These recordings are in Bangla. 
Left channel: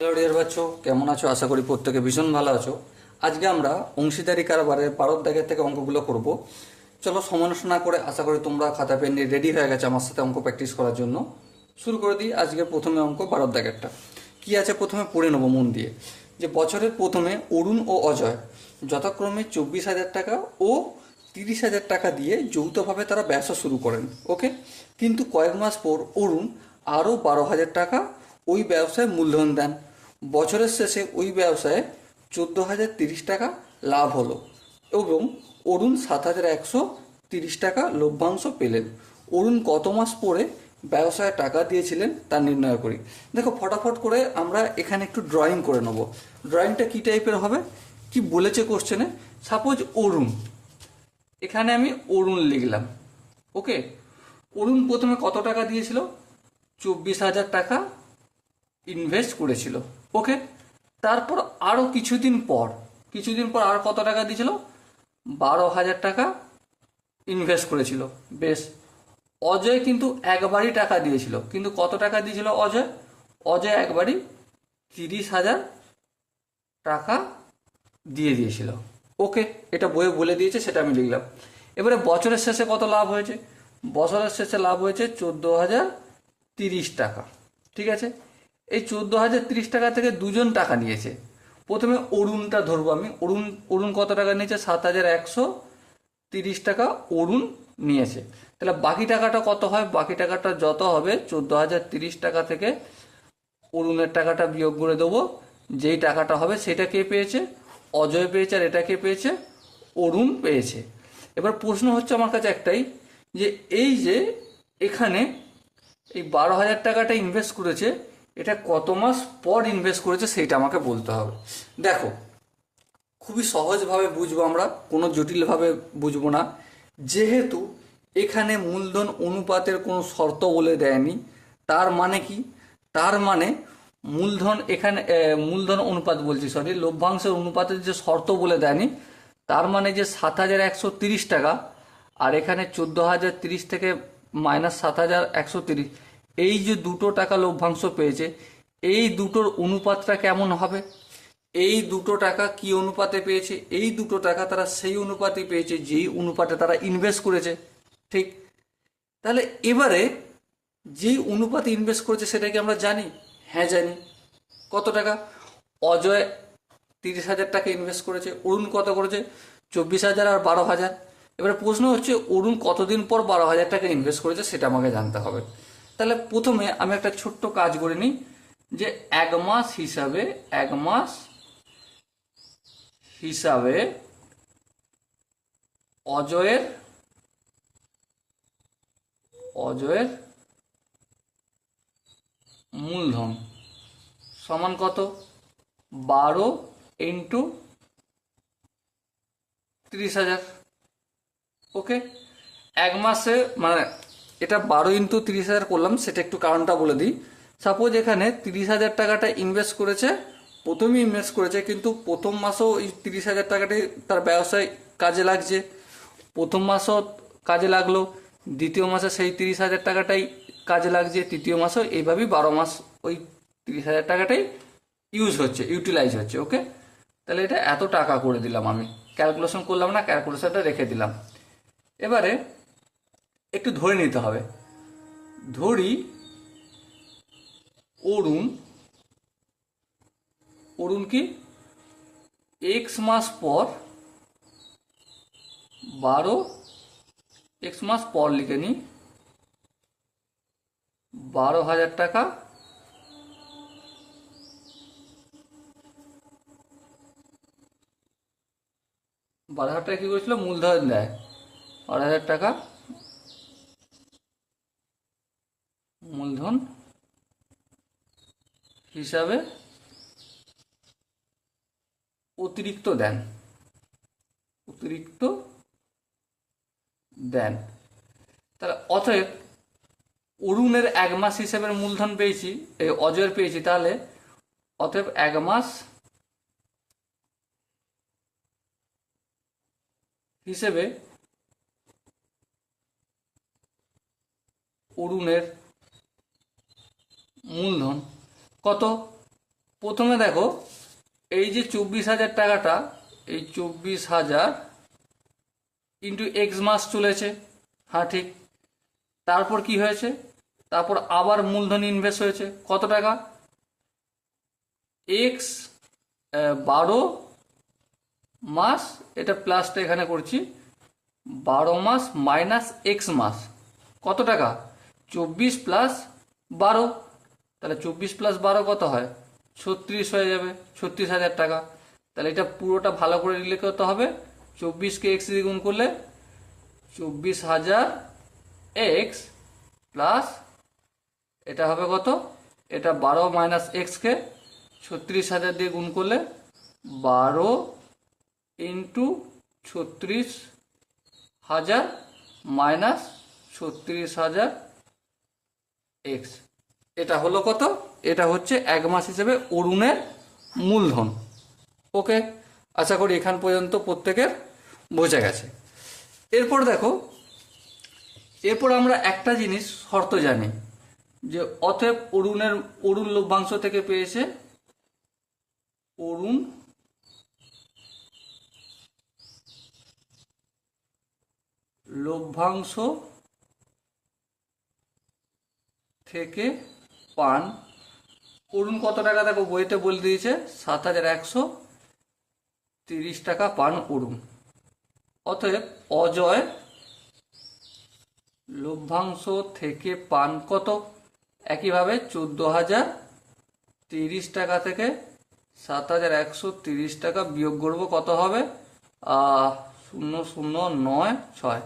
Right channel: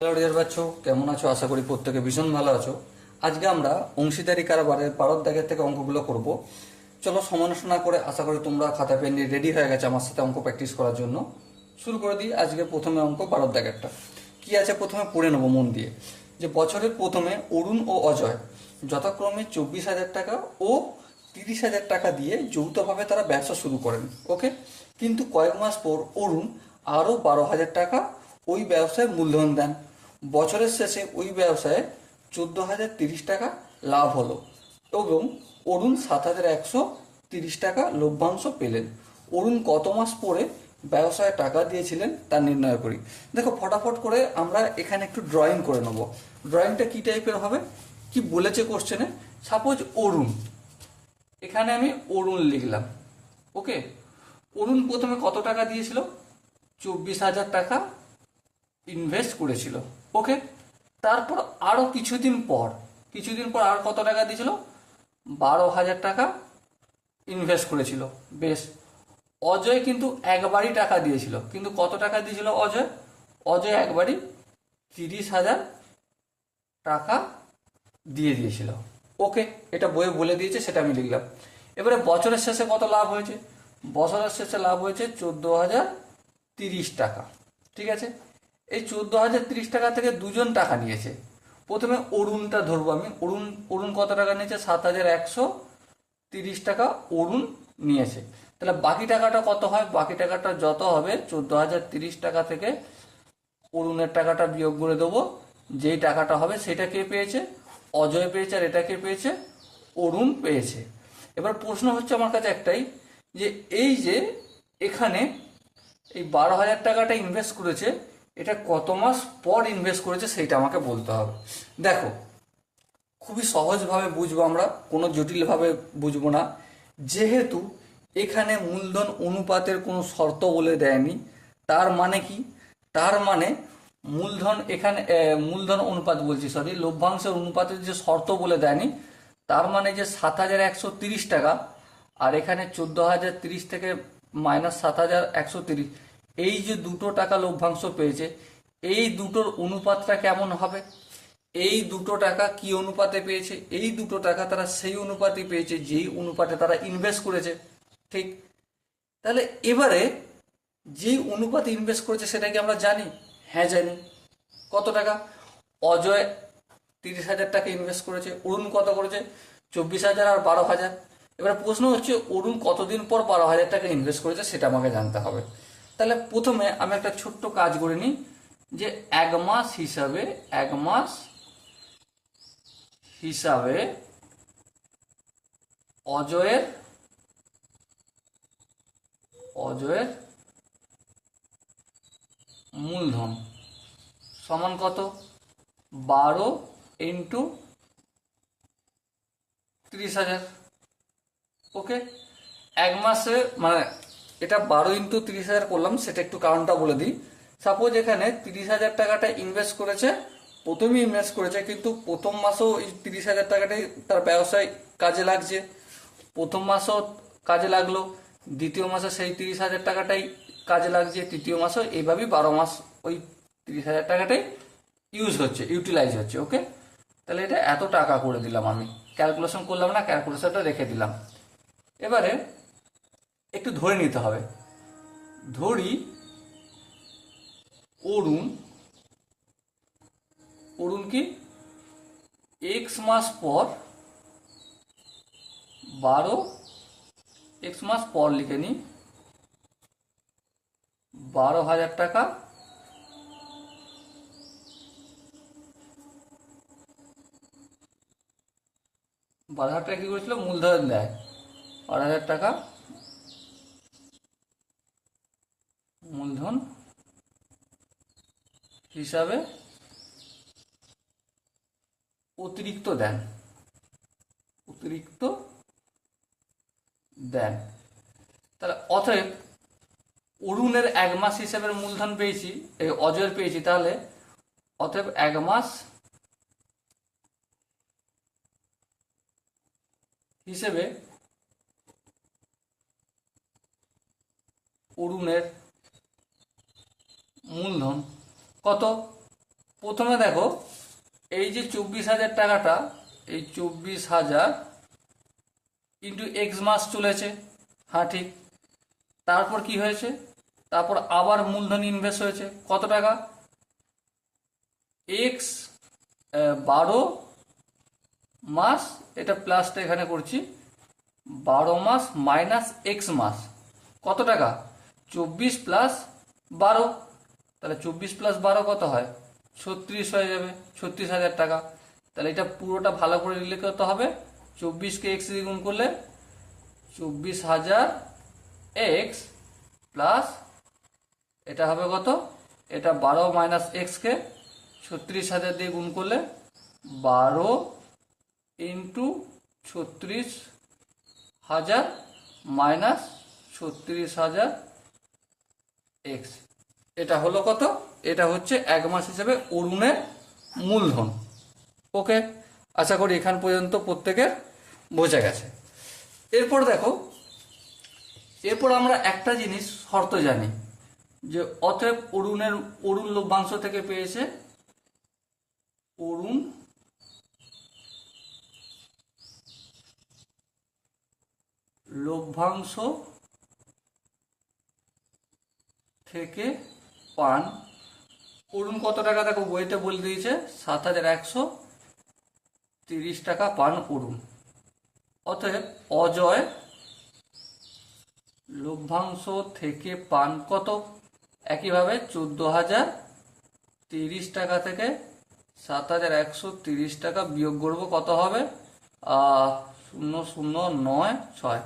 হ্যালো ডিয়ার বাচ্চো, কেমন আছো? আশা করি প্রত্যেকে ভীষণ ভালো আছো। আজকে আমরা অংশীদারি কারবারের পারদ দাগের থেকে অঙ্কগুলো করব। চলো সমালোচনা করে, আশা করি তোমরা খাতা পেন নিয়ে রেডি হয়ে গেছে আমার সাথে অঙ্ক প্র্যাকটিস করার জন্য। শুরু করে দিই। আজকে প্রথমে অঙ্ক পারদ দাগেরটা কি আছে প্রথমে পড়ে নেবো মন দিয়ে। যে বছরের প্রথমে অরুণ ও অজয় যথাক্রমে 24,000 টাকা ও 30,000 টাকা দিয়ে যৌথভাবে তারা ব্যবসা শুরু করেন। ওকে, কিন্তু কয়েক মাস পর অরুণ আরও 12,000 টাকা ওই ব্যবসায় মূলধন দেন। বছরের শেষে ওই ব্যবসায় 14,030 টাকা লাভ হলো এবং অরুণ 7,130 টাকা লভ্যাংশ পেলেন। অরুণ কত মাস পরে ব্যবসায় টাকা দিয়েছিলেন তা নির্ণয় করি। দেখো, ফটাফট করে আমরা এখানে একটু ড্রয়িং করে নেব। ড্রয়িংটা কি টাইপের হবে, কি বলেছে কোশ্চেনে? সাপোজ অরুণ, এখানে আমি অরুণ লিখলাম। ওকে, অরুণ প্রথমে কত টাকা দিয়েছিল? 24,000 টাকা ইনভেস্ট করেছিল। ওকে, তারপর আরো কিছুদিন পর আর কত টাকা দিয়েছিল? 12,000 টাকা ইনভেস্ট করেছিল। বেশ। অজয় কিন্তু একবারই টাকা দিয়েছিল, কিন্তু কত টাকা দিয়েছিল অজয়? অজয় একবারই 30,000 টাকা দিয়ে দিয়েছিল। ওকে, এটা বইয়ে বলে দিয়েছে, সেটা আমি লিখলাম। এবারে বছরের শেষে কত লাভ হয়েছে? বছরের শেষে লাভ হয়েছে 14,030 টাকা। ঠিক আছে, এই 14,030 টাকা থেকে দুজন টাকা নিয়েছে। প্রথমে অরুণটা ধরবো আমি। অরুণ অরুণ কত টাকা নিয়েছে? 7,130 টাকা অরুণ নিয়েছে। তাহলে বাকি টাকাটা কত হয়? বাকি টাকাটা যত হবে 14,030 টাকা থেকে অরুণের টাকাটা বিয়োগ করে দেবো। যেই টাকাটা হবে সেটা কে পেয়েছে? অজয় পেয়েছে। আর এটা কে পেয়েছে? অরুণ পেয়েছে। এবার প্রশ্ন হচ্ছে আমার কাছে একটাই, যে এই যে এখানে এই 12,000 টাকাটা ইনভেস্ট করেছে, এটা কত মাস পর ইনভেস্ট করেছে সেইটা আমাকে বলতে হবে। দেখো, খুবই সহজভাবে বুঝবো আমরা, কোনো জটিলভাবে বুঝবো না। যেহেতু এখানে মূলধন অনুপাতের কোনো শর্ত বলে দেয়নি, তার মানে কি? তার মানে মূলধন এখানে মূলধন অনুপাত বলছি, সরি, লভ্যাংশের অনুপাতের যে শর্ত বলে দেয়নি, তার মানে যে 7,130 টাকা আর এখানে 14,030 থেকে মাইনাস 7,130, এই যে দুটো টাকা লভ্যাংশ পেয়েছে, এই দুটোর অনুপাতটা কেমন হবে? এই দুটো টাকা কি অনুপাতে পেয়েছে? এই দুটো টাকা তারা সেই অনুপাতে পেয়েছে যেই অনুপাতে তারা ইনভেস্ট করেছে। ঠিক। তাহলে এবারে যেই অনুপাতে ইনভেস্ট করেছে সেটা কি আমরা জানি? হ্যাঁ, জানি। কত টাকা? অজয় 30,000 টাকা ইনভেস্ট করেছে, অরুণ কত করেছে? 24,000 আর 12,000। এবারে প্রশ্ন হচ্ছে অরুণ কতদিন পর 12,000 টাকা ইনভেস্ট করেছে সেটা আমাকে জানতে হবে। তাহলে প্রথমে আমি একটা ছোট্ট কাজ করে নিই, যে এক মাস হিসাবে অজয়ের অজয়ের মূলধন সমান কত? 12 × 30,000। ওকে, এক মাসে মানে এটা 12 × 30,000 করলাম, সেটা একটু কারণটা বলে দিই। সাপোজ এখানে 30,000 টাকাটা ইনভেস্ট করেছে, প্রথমেই ইনভেস্ট করেছে, কিন্তু প্রথম মাসেও এই 30,000 টাকাটি তার ব্যবসায় কাজে লাগছে। প্রথম মাসও কাজে লাগলো, দ্বিতীয় মাসে সেই 30,000 টাকাটাই কাজে লাগছে, তৃতীয় মাসও, এইভাবেই 12 মাস ওই 30,000 টাকাটাই ইউটিলাইজ হচ্ছে। ওকে, তাহলে এটা এত টাকা করে দিলাম আমি। ক্যালকুলেশন করলাম না, ক্যালকুলেশনটা রেখে দিলাম। এবারে একটু ধরে নিতে হবে। ধরি অরুণ অরুণ কি এক্স মাস পর 12 লিখে নি, 12,000 টাকা কি করেছিল? মূলধন দেয়। 12,000 টাকা মূলধন হিসাবে অতিরিক্ত দেন অতিরিক্ত দেন। তাহলে অতএব অরুণের এক মাস হিসেবে মূলধন পেয়েছি, অজয়ের পেয়েছি, তাহলে অতএব এক মাস হিসেবে অরুণের মূলধন কত? প্রথমে দেখো এই যে 24,000 টাকাটা, এই 24,000 ইন্টু এক্স মাস চলেছে, হ্যাঁ ঠিক। তারপর কি হয়েছে, তারপর আবার মূলধন ইনভেস্ট হয়েছে কত টাকা, এক্স 12 মাস, এটা প্লাসটা এখানে করছি, 12 মাস মাইনাস এক্স মাস কত টাকা, 24 প্লাস 12, তাহলে 24 প্লাস 12 কত হয়, 36 হয়ে যাবে, 36,000 টাকা। তাহলে এটা পুরোটা ভালো করে লিখে করতে হবে, 24কে এক্স দিয়ে গুণ করলে 24,000 এক্স প্লাস এটা হবে কত, এটা 12 মাইনাস এক্সকে 36,000 দিয়ে গুণ করলে 12 ইন্টু 36,000 মাইনাস 36,000 এক্স, এটা হলো কত, এটা হচ্ছে এক মাস হিসেবে অরুণের মূলধন। ওকে, আশা করি এখান পর্যন্ত প্রত্যেকের বোঝা গেছে। এরপর দেখো, এরপর আমরা একটা জিনিস শর্ত জানি যে অতএব অরুণ লভ্যাংশ থেকে পেয়েছে, অরুণ লভ্যাংশ থেকে পান, অরুণ কত টাকা দেখো বইতে বলে দিয়েছে 7,130 টাকা পান অরুণ। অতএব অজয় লভ্যাংশ থেকে পান কত, একইভাবে 14,030 টাকা থেকে 7,130 টাকা বিয়োগ করবো, কত হবে 0,096,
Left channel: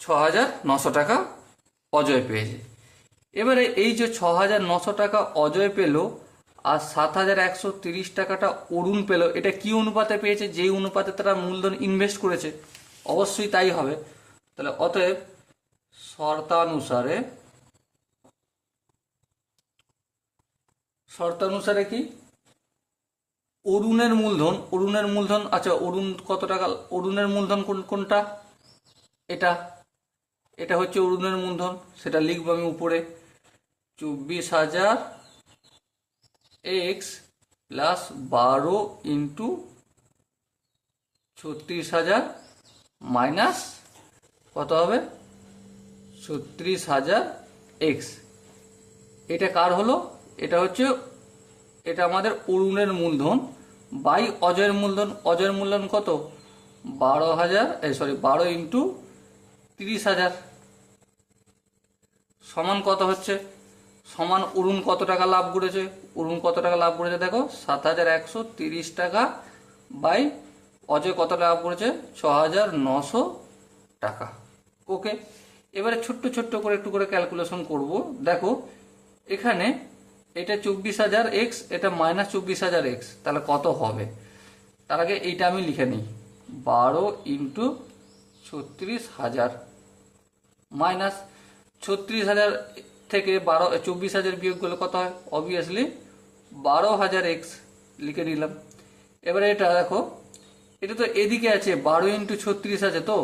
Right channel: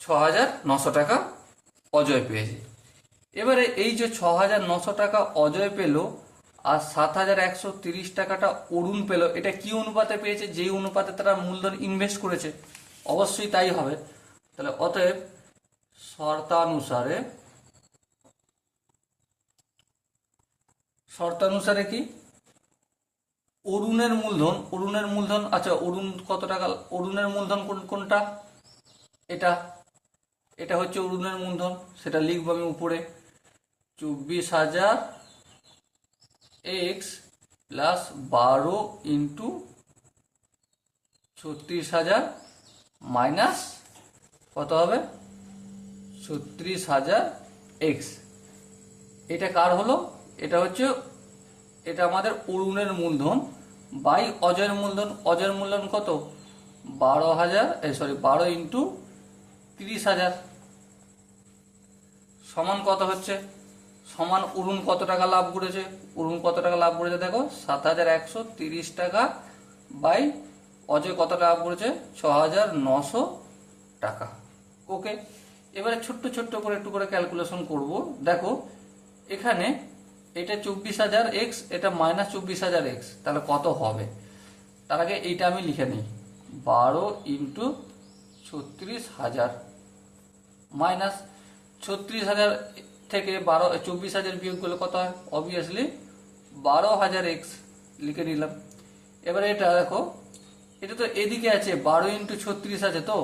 6,900 টাকা অজয় পেয়েছে। এবারে এই যে 6,900 টাকা অজয় পেল আর 7,130 টাকাটা অরুণ পেল, এটা কি অনুপাতে পেয়েছে, যেই অনুপাতে তারা মূলধন ইনভেস্ট করেছে, অবশ্যই তাই হবে। তাহলে অতএব শর্তানুসারে কি অরুণের মূলধন, আচ্ছা অরুণ কত টাকা, অরুণের মূলধন কোনটা, এটা হচ্ছে অরুণের মূলধন, সেটা লিখবো আমি উপরে, 24,000 এক্স প্লাস 12 ইন্টু 36,000 মাইনাস কত হবে 36,000 এক্স। এটা কার হলো, এটা হচ্ছে, এটা আমাদের অরুণের মূলধন বাই অজয়ের মূলধন। অজয়ের মূলধন কত, 12 ইন্টু 30,000 সমান কত হচ্ছে, সমান অরুণ কত টাকা লাভ করেছে, অরুণ কত টাকা লাভ করেছে দেখো 7,130 টাকা বাই অজয় কত লাভ করেছে 6,900 টাকা। ওকে, এবারে ছোট্ট ছোট্ট করে একটু করে ক্যালকুলেশন করব। দেখো এখানে এটা 24,000 এক্স, এটা মাইনাস 24,000 এক্স, তাহলে কত হবে, তার আগে এইটা আমি লিখে নিই, 12 ইন্টু 36,000 মাইনাস 36,000 থেকে 24,000 বিয়োগ করলে কত হয়, অবভিয়াসলি 12,000 এক্স লিখে নিলাম। এবারে এটা দেখো, এটা তো এদিকে আছে 12 ইন্টু 36 আছে, তো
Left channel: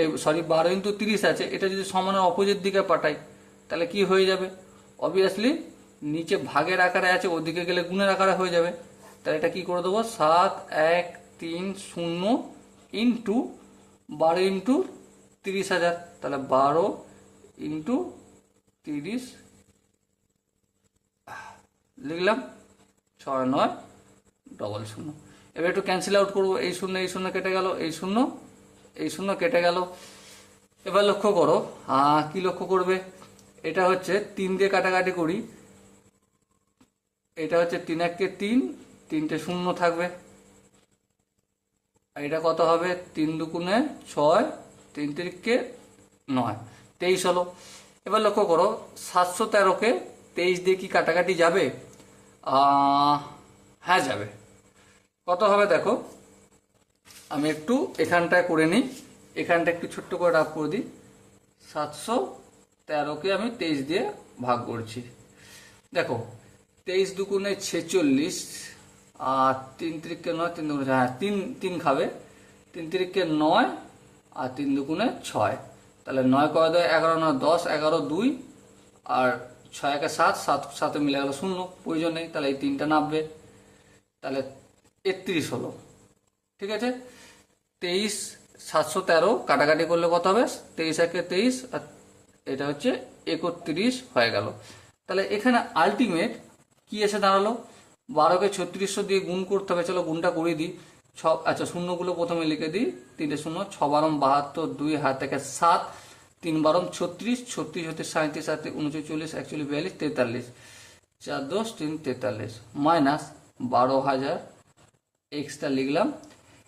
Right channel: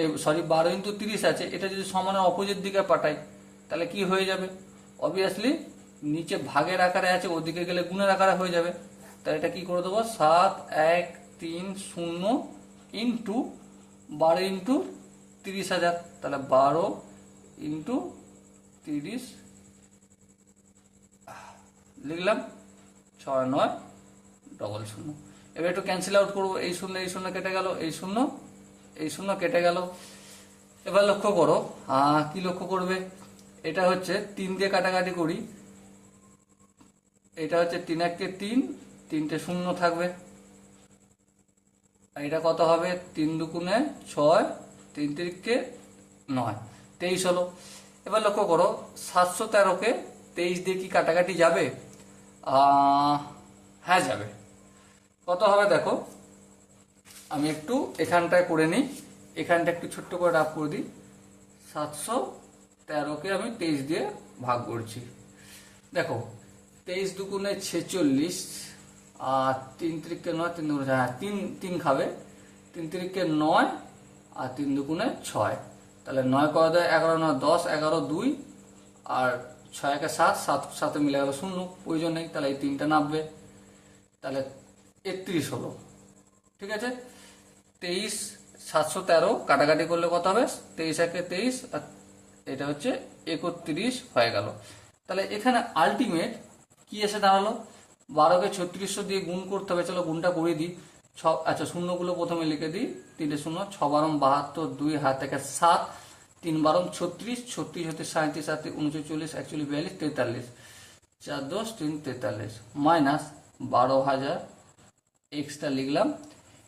এই 12 ইন্টু 30 আছে, এটা যদি সমানের অপোজিট দিকে পাঠাই তাহলে কি হয়ে যাবে, অবভিয়াসলি নিচে ভাগের আকারে আছে, ওদিকে গেলে গুণের আকারে হয়ে যাবে। তাহলে এটা কি করে দেবো, 7,130 ইন্টু 12 ইন্টু 30,000, তাহলে 12 ইন্টু 30 লিখলাম, 6,900। এবার একটু ক্যান্সেল আউট করবো, এই শূন্য কেটে গেল, এই শূন্য কেটে গেল। এবার লক্ষ্য করো, কি লক্ষ্য করবে, এটা হচ্ছে 3 দিয়ে কাটাকাটি করি, এটা হচ্ছে 3 1 3, 3টে শূন্য থাকবে, আর এটা কত হবে 3 2 6, 3 3 9, 23 হলো। এবার লক্ষ্য করো 713কে 23 দিয়ে কি কাটাকাটি যাবে, হ্যাঁ যাবে। কত হবে দেখো, আমি একটু এখানটায় করে নিই, এখানটা একটু ছোট্ট করে রাফ করে দিই, 713কে আমি 23 দিয়ে ভাগ করছি। দেখো 23 2 46, আর 3 3 9, 3 2 হ্যাঁ 3 খাবে, 3 3 9 আর 3 2 6, তাহলে 9 কত দেয় 11 9 10, 11 2 আর 6 একে 7, 7 সাথে মিলে গেল 0, প্রয়োজন নেই, তাহলে এই 3টা নামবে, তাহলে 31 হলো। ঠিক আছে, 23 713 কাটাকাটি করলে কত হবে? 23 একে 23, আর এটা হচ্ছে 31 হয়ে গেল। তাহলে এখানে আলটিমেট কি এসে দাঁড়ালো? 12কে 3600 দিয়ে গুণ করতে হবে, চলো গুণটা করে দিই। আচ্ছা, শূন্যগুলো প্রথমে লিখে দিই, 3 শূন্য, 6 বারম 72, 2 হাত থেকে 7, 3 বারম 36, 36 হতে 37, 37 39, 40, 41, 42, 43, 4 10 3 43 মাইনাস 12,000, এক্সটা লিখলাম।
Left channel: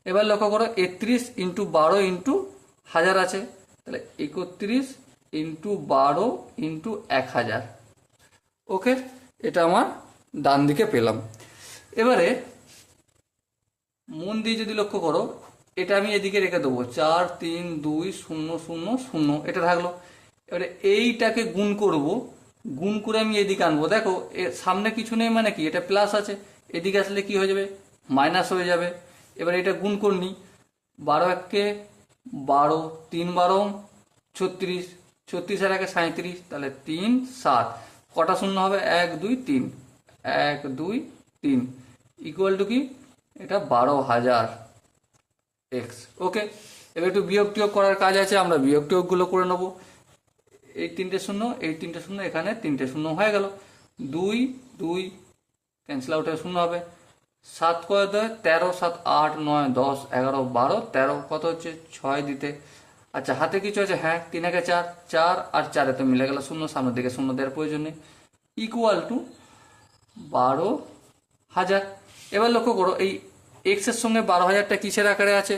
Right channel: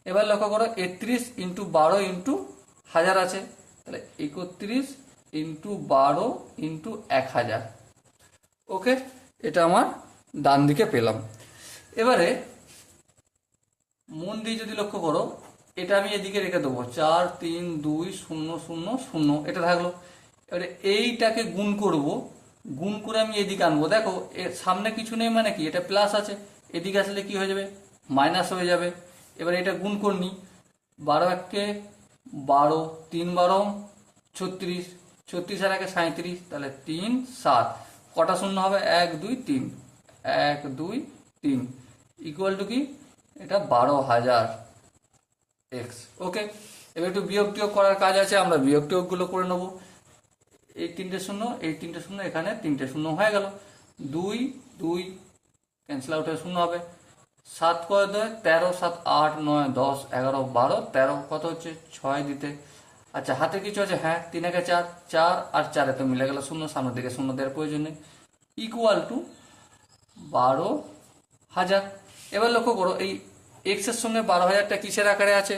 এবার লক্ষ্য করো, 31 ইন্টু 12 ইন্টু 1000 আছে, তাহলে 31 ইন্টু 12 ইন্টু 1000। ওকে, এটা আমার ডান দিকে পেলাম। এবারে মন দিয়ে যদি লক্ষ্য করো, এটা আমি এদিকে রেখে দেবো, 4 3 2 0 0 0, এটা থাকলো। এবারে এইটাকে গুণ করব, গুণ করে আমি এদিকে আনবো। দেখো এর সামনে কিছু নেই মানে কি, এটা প্লাস আছে, এদিকে আসলে কি হয়ে যাবে? মাইনাস হয়ে যাবে। এবার এটা গুণ করনি, 12 একে 12, 3 বারো 36, 36 আর একে 37, তাহলে 3 7, কটা শূন্য হবে? 1 2 3, 1 2 3 ইকুয়াল টু কি? এটা 12,000 এক্স। ওকে, এবার একটু বিয়োগ টিয়োগ করার কাজ আছে, আমরা বিয়োগ টিয়োগ গুলো করে নেবো। এই 3টে শূন্য, এই 3টে শূন্য, এখানে 3টে শূন্য হয়ে গেল, 2 2 ক্যান্সেল আউট হয়ে শূন্য হবে। 7 কয় 2, 13 7 8 9 10 11 12 13, কত হচ্ছে? 6 দিতে। আচ্ছা, হাতে কিছু আছে? হ্যাঁ, 3 একে 4, 4 আর 4 এতে মিলে গেল শূন্য, সামনের দিকে শূন্য দেওয়ার প্রয়োজন নেই, ইকুয়াল টু 12,000। এবার লক্ষ্য করো, এই এক্স এর সঙ্গে 12,000টা কিসের আকারে আছে?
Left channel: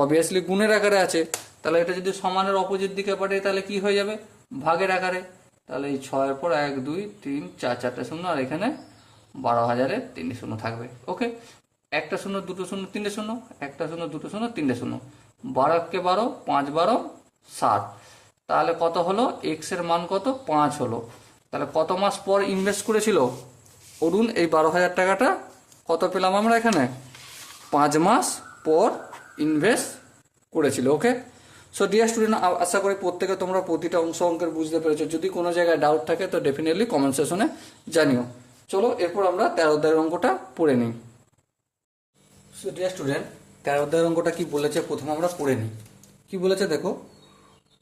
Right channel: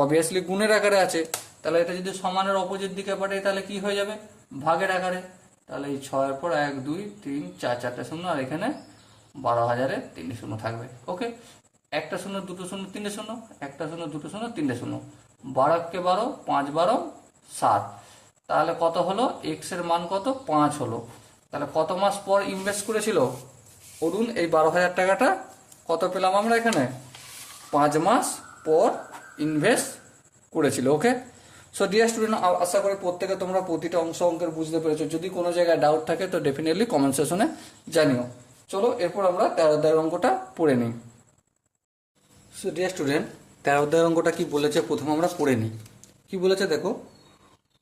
অবভিয়াসলি গুণের আকারে আছে। তাহলে এটা যদি সমানের অপোজিট দিকে পাঠাই তাহলে কি হয়ে যাবে? ভাগের আকারে। তাহলে এই 6 পর 1 2 3 4, 4টে শূন্য, আর এখানে 12,000-এ 3টে শূন্য থাকবে। ওকে, একটা শূন্য, দুটো শূন্য, 3টে শূন্য, একটা শূন্য, দুটো শূন্য, 3টে শূন্য, 12 কে 12, 5 12 7। তাহলে কত হলো? এক্স এর মান কত? 5 হলো। তাহলে কত মাস পর ইনভেস্ট করেছিল অরুণ এই 12,000 টাকাটা? কত পেলাম আমরা এখানে? 5 মাস পর ইনভেস্ট করেছিল। ওকে, সো ডিয়ার স্টুডেন্ট, আশা করি প্রত্যেকে তোমরা প্রতিটা অঙ্কের বুঝতে পেরেছো। যদি কোনো জায়গায় ডাউট থাকে তো ডেফিনেটলি কমেন্ট সেকশনে জানিও। চলো এরপর আমরা 13 অধ্যায়ের অঙ্কটা পড়ে নিই। সো ডিয়ার স্টুডেন্ট, 13 অধ্যায়ের অঙ্কটা কি বলেছে প্রথম আমরা পড়ে নিই। কি বলেছে দেখো,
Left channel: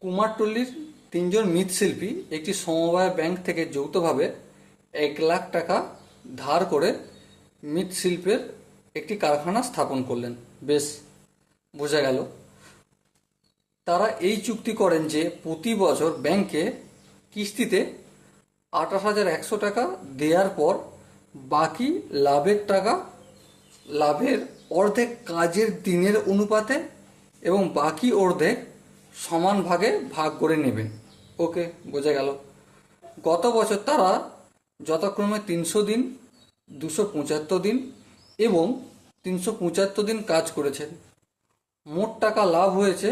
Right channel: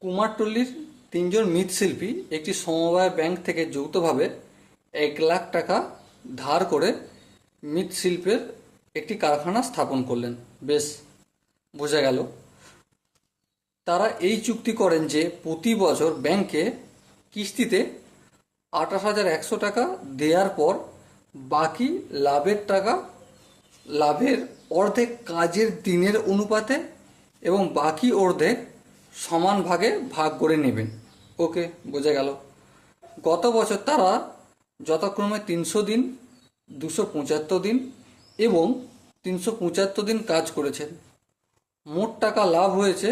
কুমারটুল্লির 3 জন মৃৎশিল্পী একটি সমবায় ব্যাংক থেকে যৌথভাবে 1 লাখ টাকা ধার করে মৃৎশিল্পের একটি কারখানা স্থাপন করলেন। বেশ, বোঝা গেল। তারা এই চুক্তি করেন যে প্রতি বছর ব্যাংকে কিস্তিতে 28,100 টাকা দেওয়ার পর বাকি লাভের অর্ধেক কাজের দিনের অনুপাতে এবং বাকি অর্ধেক সমান ভাগে ভাগ করে নেবেন। ওকে, বোঝা গেল। গত বছর তারা যথাক্রমে 300 দিন, 275 দিন এবং 375 দিন কাজ করেছেন। মোট টাকা লাভ হয়েছে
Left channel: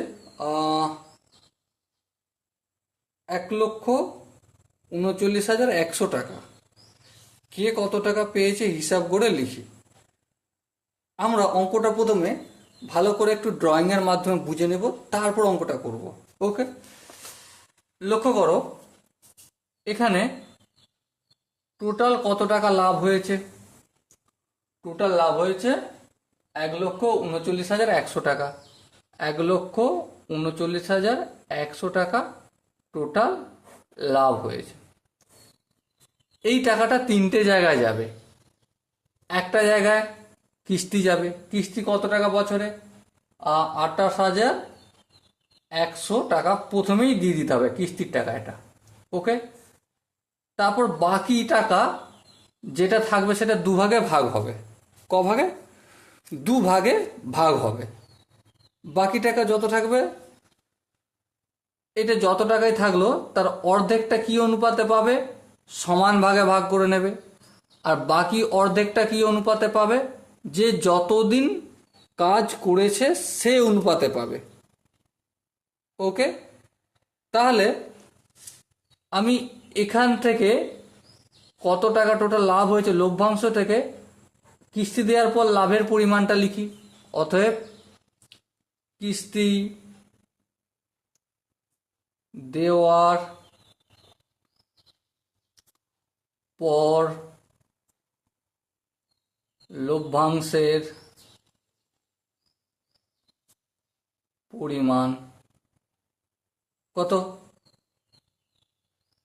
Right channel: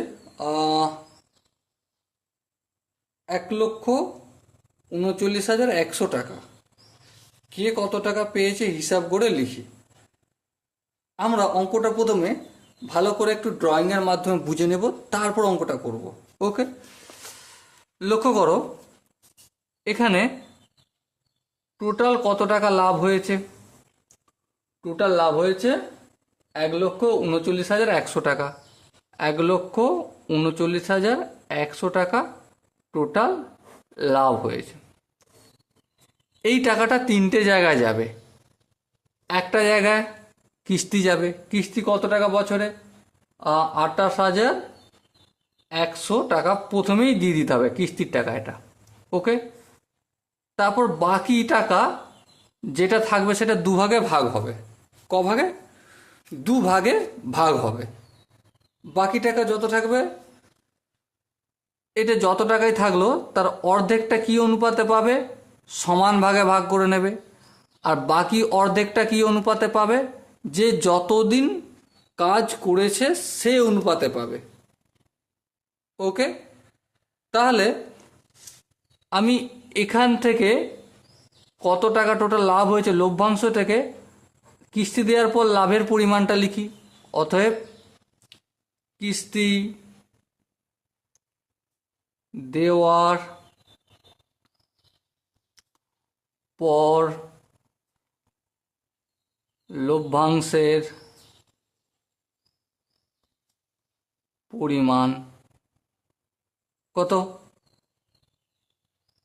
1,39,100 টাকা। কে কত টাকা পেয়েছে হিসাব করে লিখি। আমরা অঙ্কটা প্রথমে ভালো করে একটু ড্রয়িংয়ের মাধ্যমে বুঝে নেব, তারপর অঙ্কটা করব। ওকে, লক্ষ্য করো এখানে টোটাল কত টাকা লাভ হয়েছে। টোটাল লাভ হয়েছে 1,39,100 টাকা। 1,39,100 টাকা টোটাল লাভ হয়েছে। এই টাকাটা 3টে জায়গায় যাবে। একটা জায়গায় কিস্তি যাবে। কিস্তি কত টাকা বছরে? 28,100 টাকা প্রথমেই দিয়ে দিতে হবে, কিস্তির টাকা এটা। ওকে, তারপর বাকি টাকা যেটা থাকবে সেটা দুভাগে ভাগ হবে। ক ভাগে? 2 ভাগে ভাগ হবে। বাকি টাকা যত থাকবে, এটা যত টাকাই থাকলো তার অর্ধেকটা কি অনুপাতে পাবে? সমান ভাগে ভাগ করে নেবে। আর বাকি অর্ধেকটা কি অনুপাতে পাবে? যে যতদিন কাজ করেছে সে অনুপাতে পাবে। ওকে, তাহলে আমি এখান থেকে কত টাকা টোটাল লাভ হয়েছে লভ্যাংশ থেকে কিস্তি দেওয়ার পর লাভের পরিমাণটা লিখি। অতএব কিস্তি দেওয়ার পর লভ্যাংশের পরিমাণ কত?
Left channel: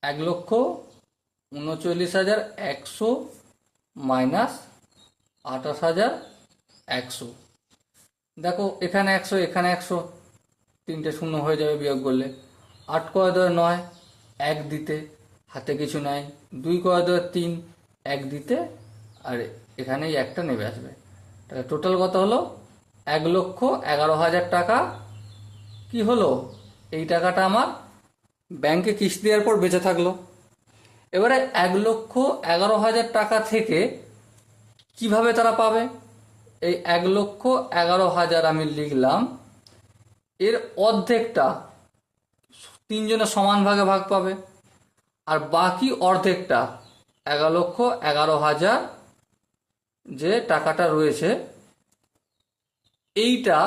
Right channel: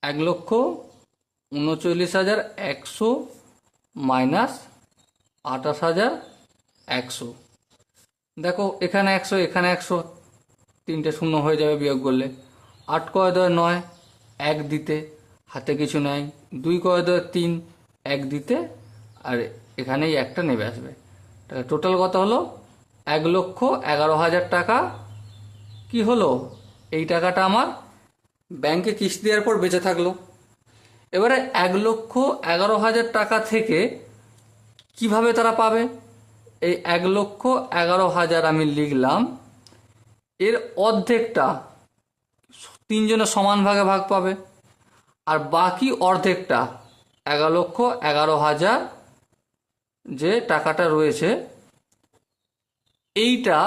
1,39,100 মাইনাস 28,100। দেখো এখানে 100 এখানে 100, তিনটে শূন্য হয়ে যাবে বিয়োগ করলে। 8 কয় 9, 1 দিতে, হাতে কিছু নাই। 2 কয় 3, 1 দিতে, আর এখানেই একটা নেমে আসবে। তাহলে টোটাল কত হলো? 1,11,000 টাকা কি হলো? এই টাকাটা আমার ব্যাংকে কিস্তি দেওয়ার পর বেঁচে থাকলো। এবারে 1,11,000 টাকা থেকে কিভাবে তারা পাবে? এই 1,11,000 আমি লিখলাম, এর অর্ধেকটা তিনজনের সমান ভাগে ভাগ পাবে, আর বাকি অর্ধেকটা 1,11,000 যে টাকাটা রয়েছে এইটা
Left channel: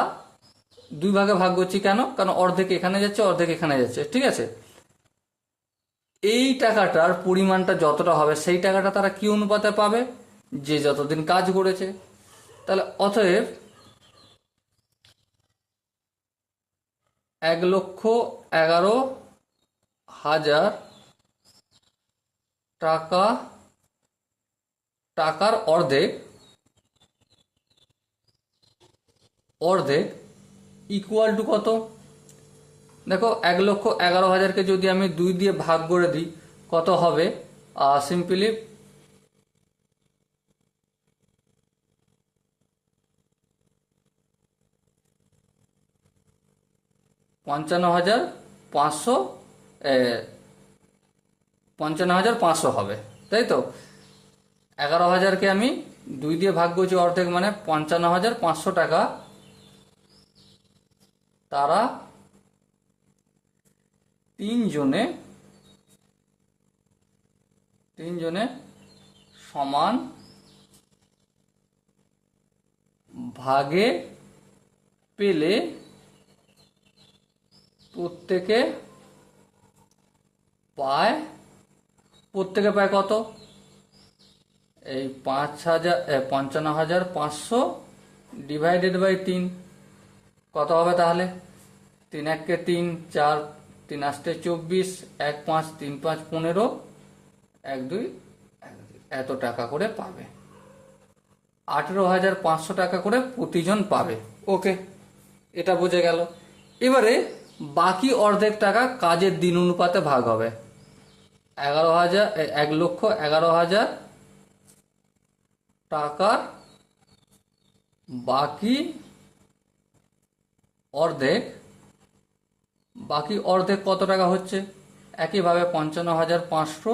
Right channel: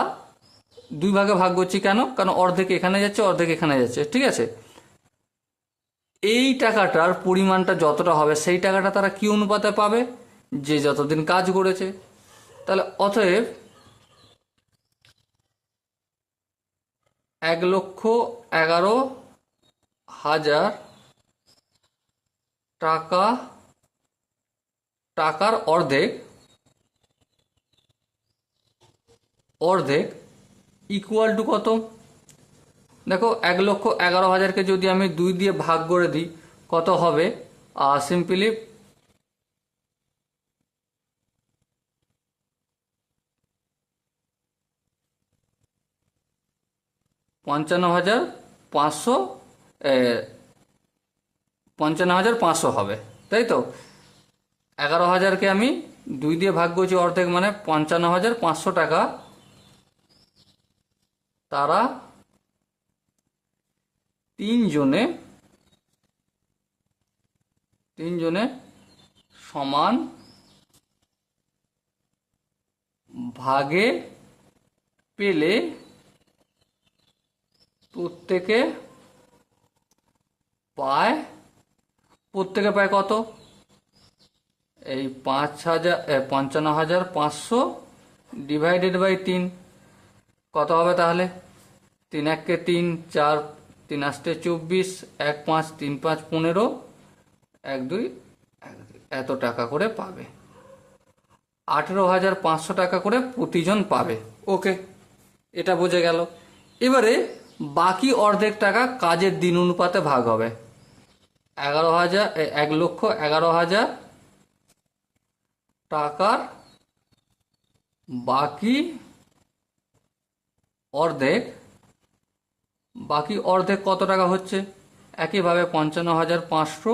দুই ভাগে ভাগ করছি। কেন? কারণ অর্ধেক এখানে যাচ্ছে, অর্ধেক এখানে যাচ্ছে, ঠিক আছে? এই টাকাটার পরিমাণটা যতটা হবে সেই টাকাটা তারা কি অনুপাতে পাবে? যে যতদিন কাজ করেছে। তাহলে অতএব 1,11,000 টাকার অর্ধেক ইকুয়াল টু কত? দেখো 1,11,000কে যদি আমি 2 দিয়ে ভাগ করে দিই কত হবে? সিম্পলি 55,500, 55,500 হবে, তাই তো? 11,000কে আমি 2 দিয়ে ভাগ করছি অর্ধেক, মানে 55,500 টাকা তারা তিনজনে সমান ভাগে পেলে প্রত্যেকে পায় কত? এই 55,500 ডিভাইডেড বাই 3 কত হবে তাহলে? 3 1 3, 4 3 8 24, 1 5 3 5 15, 1 2 এত টাকা করে পাবে। 18,500 টাকা করে প্রতিজন পাবে। ওকে, এটা বোঝা গেল। এবারে বাকি অর্ধেক টাকা কাজের দিন অনুপাতে ভাগ হবে। 1,11,000 টাকার বাকি অর্ধেক কত টাকা হচ্ছে? একইভাবে 55,500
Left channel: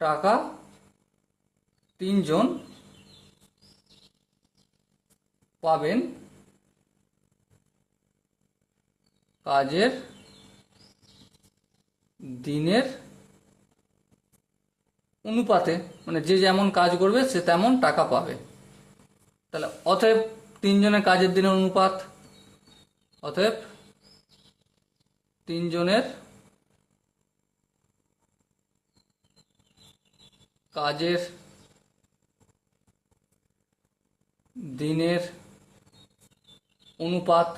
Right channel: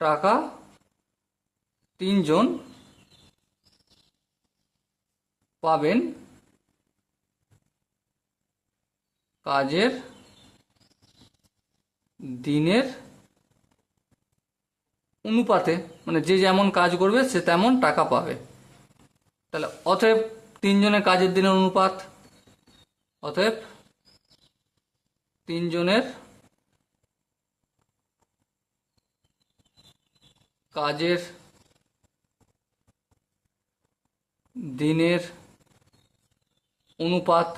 টাকা তিনজন পাবেন কাজের দিনের অনুপাতে, মানে যে যেমন কাজ করবে সে তেমন টাকা পাবে। তাহলে অতএব তিনজনের কাজের দিনের অনুপাত, অতএব তিনজনের কাজের দিনের অনুপাত।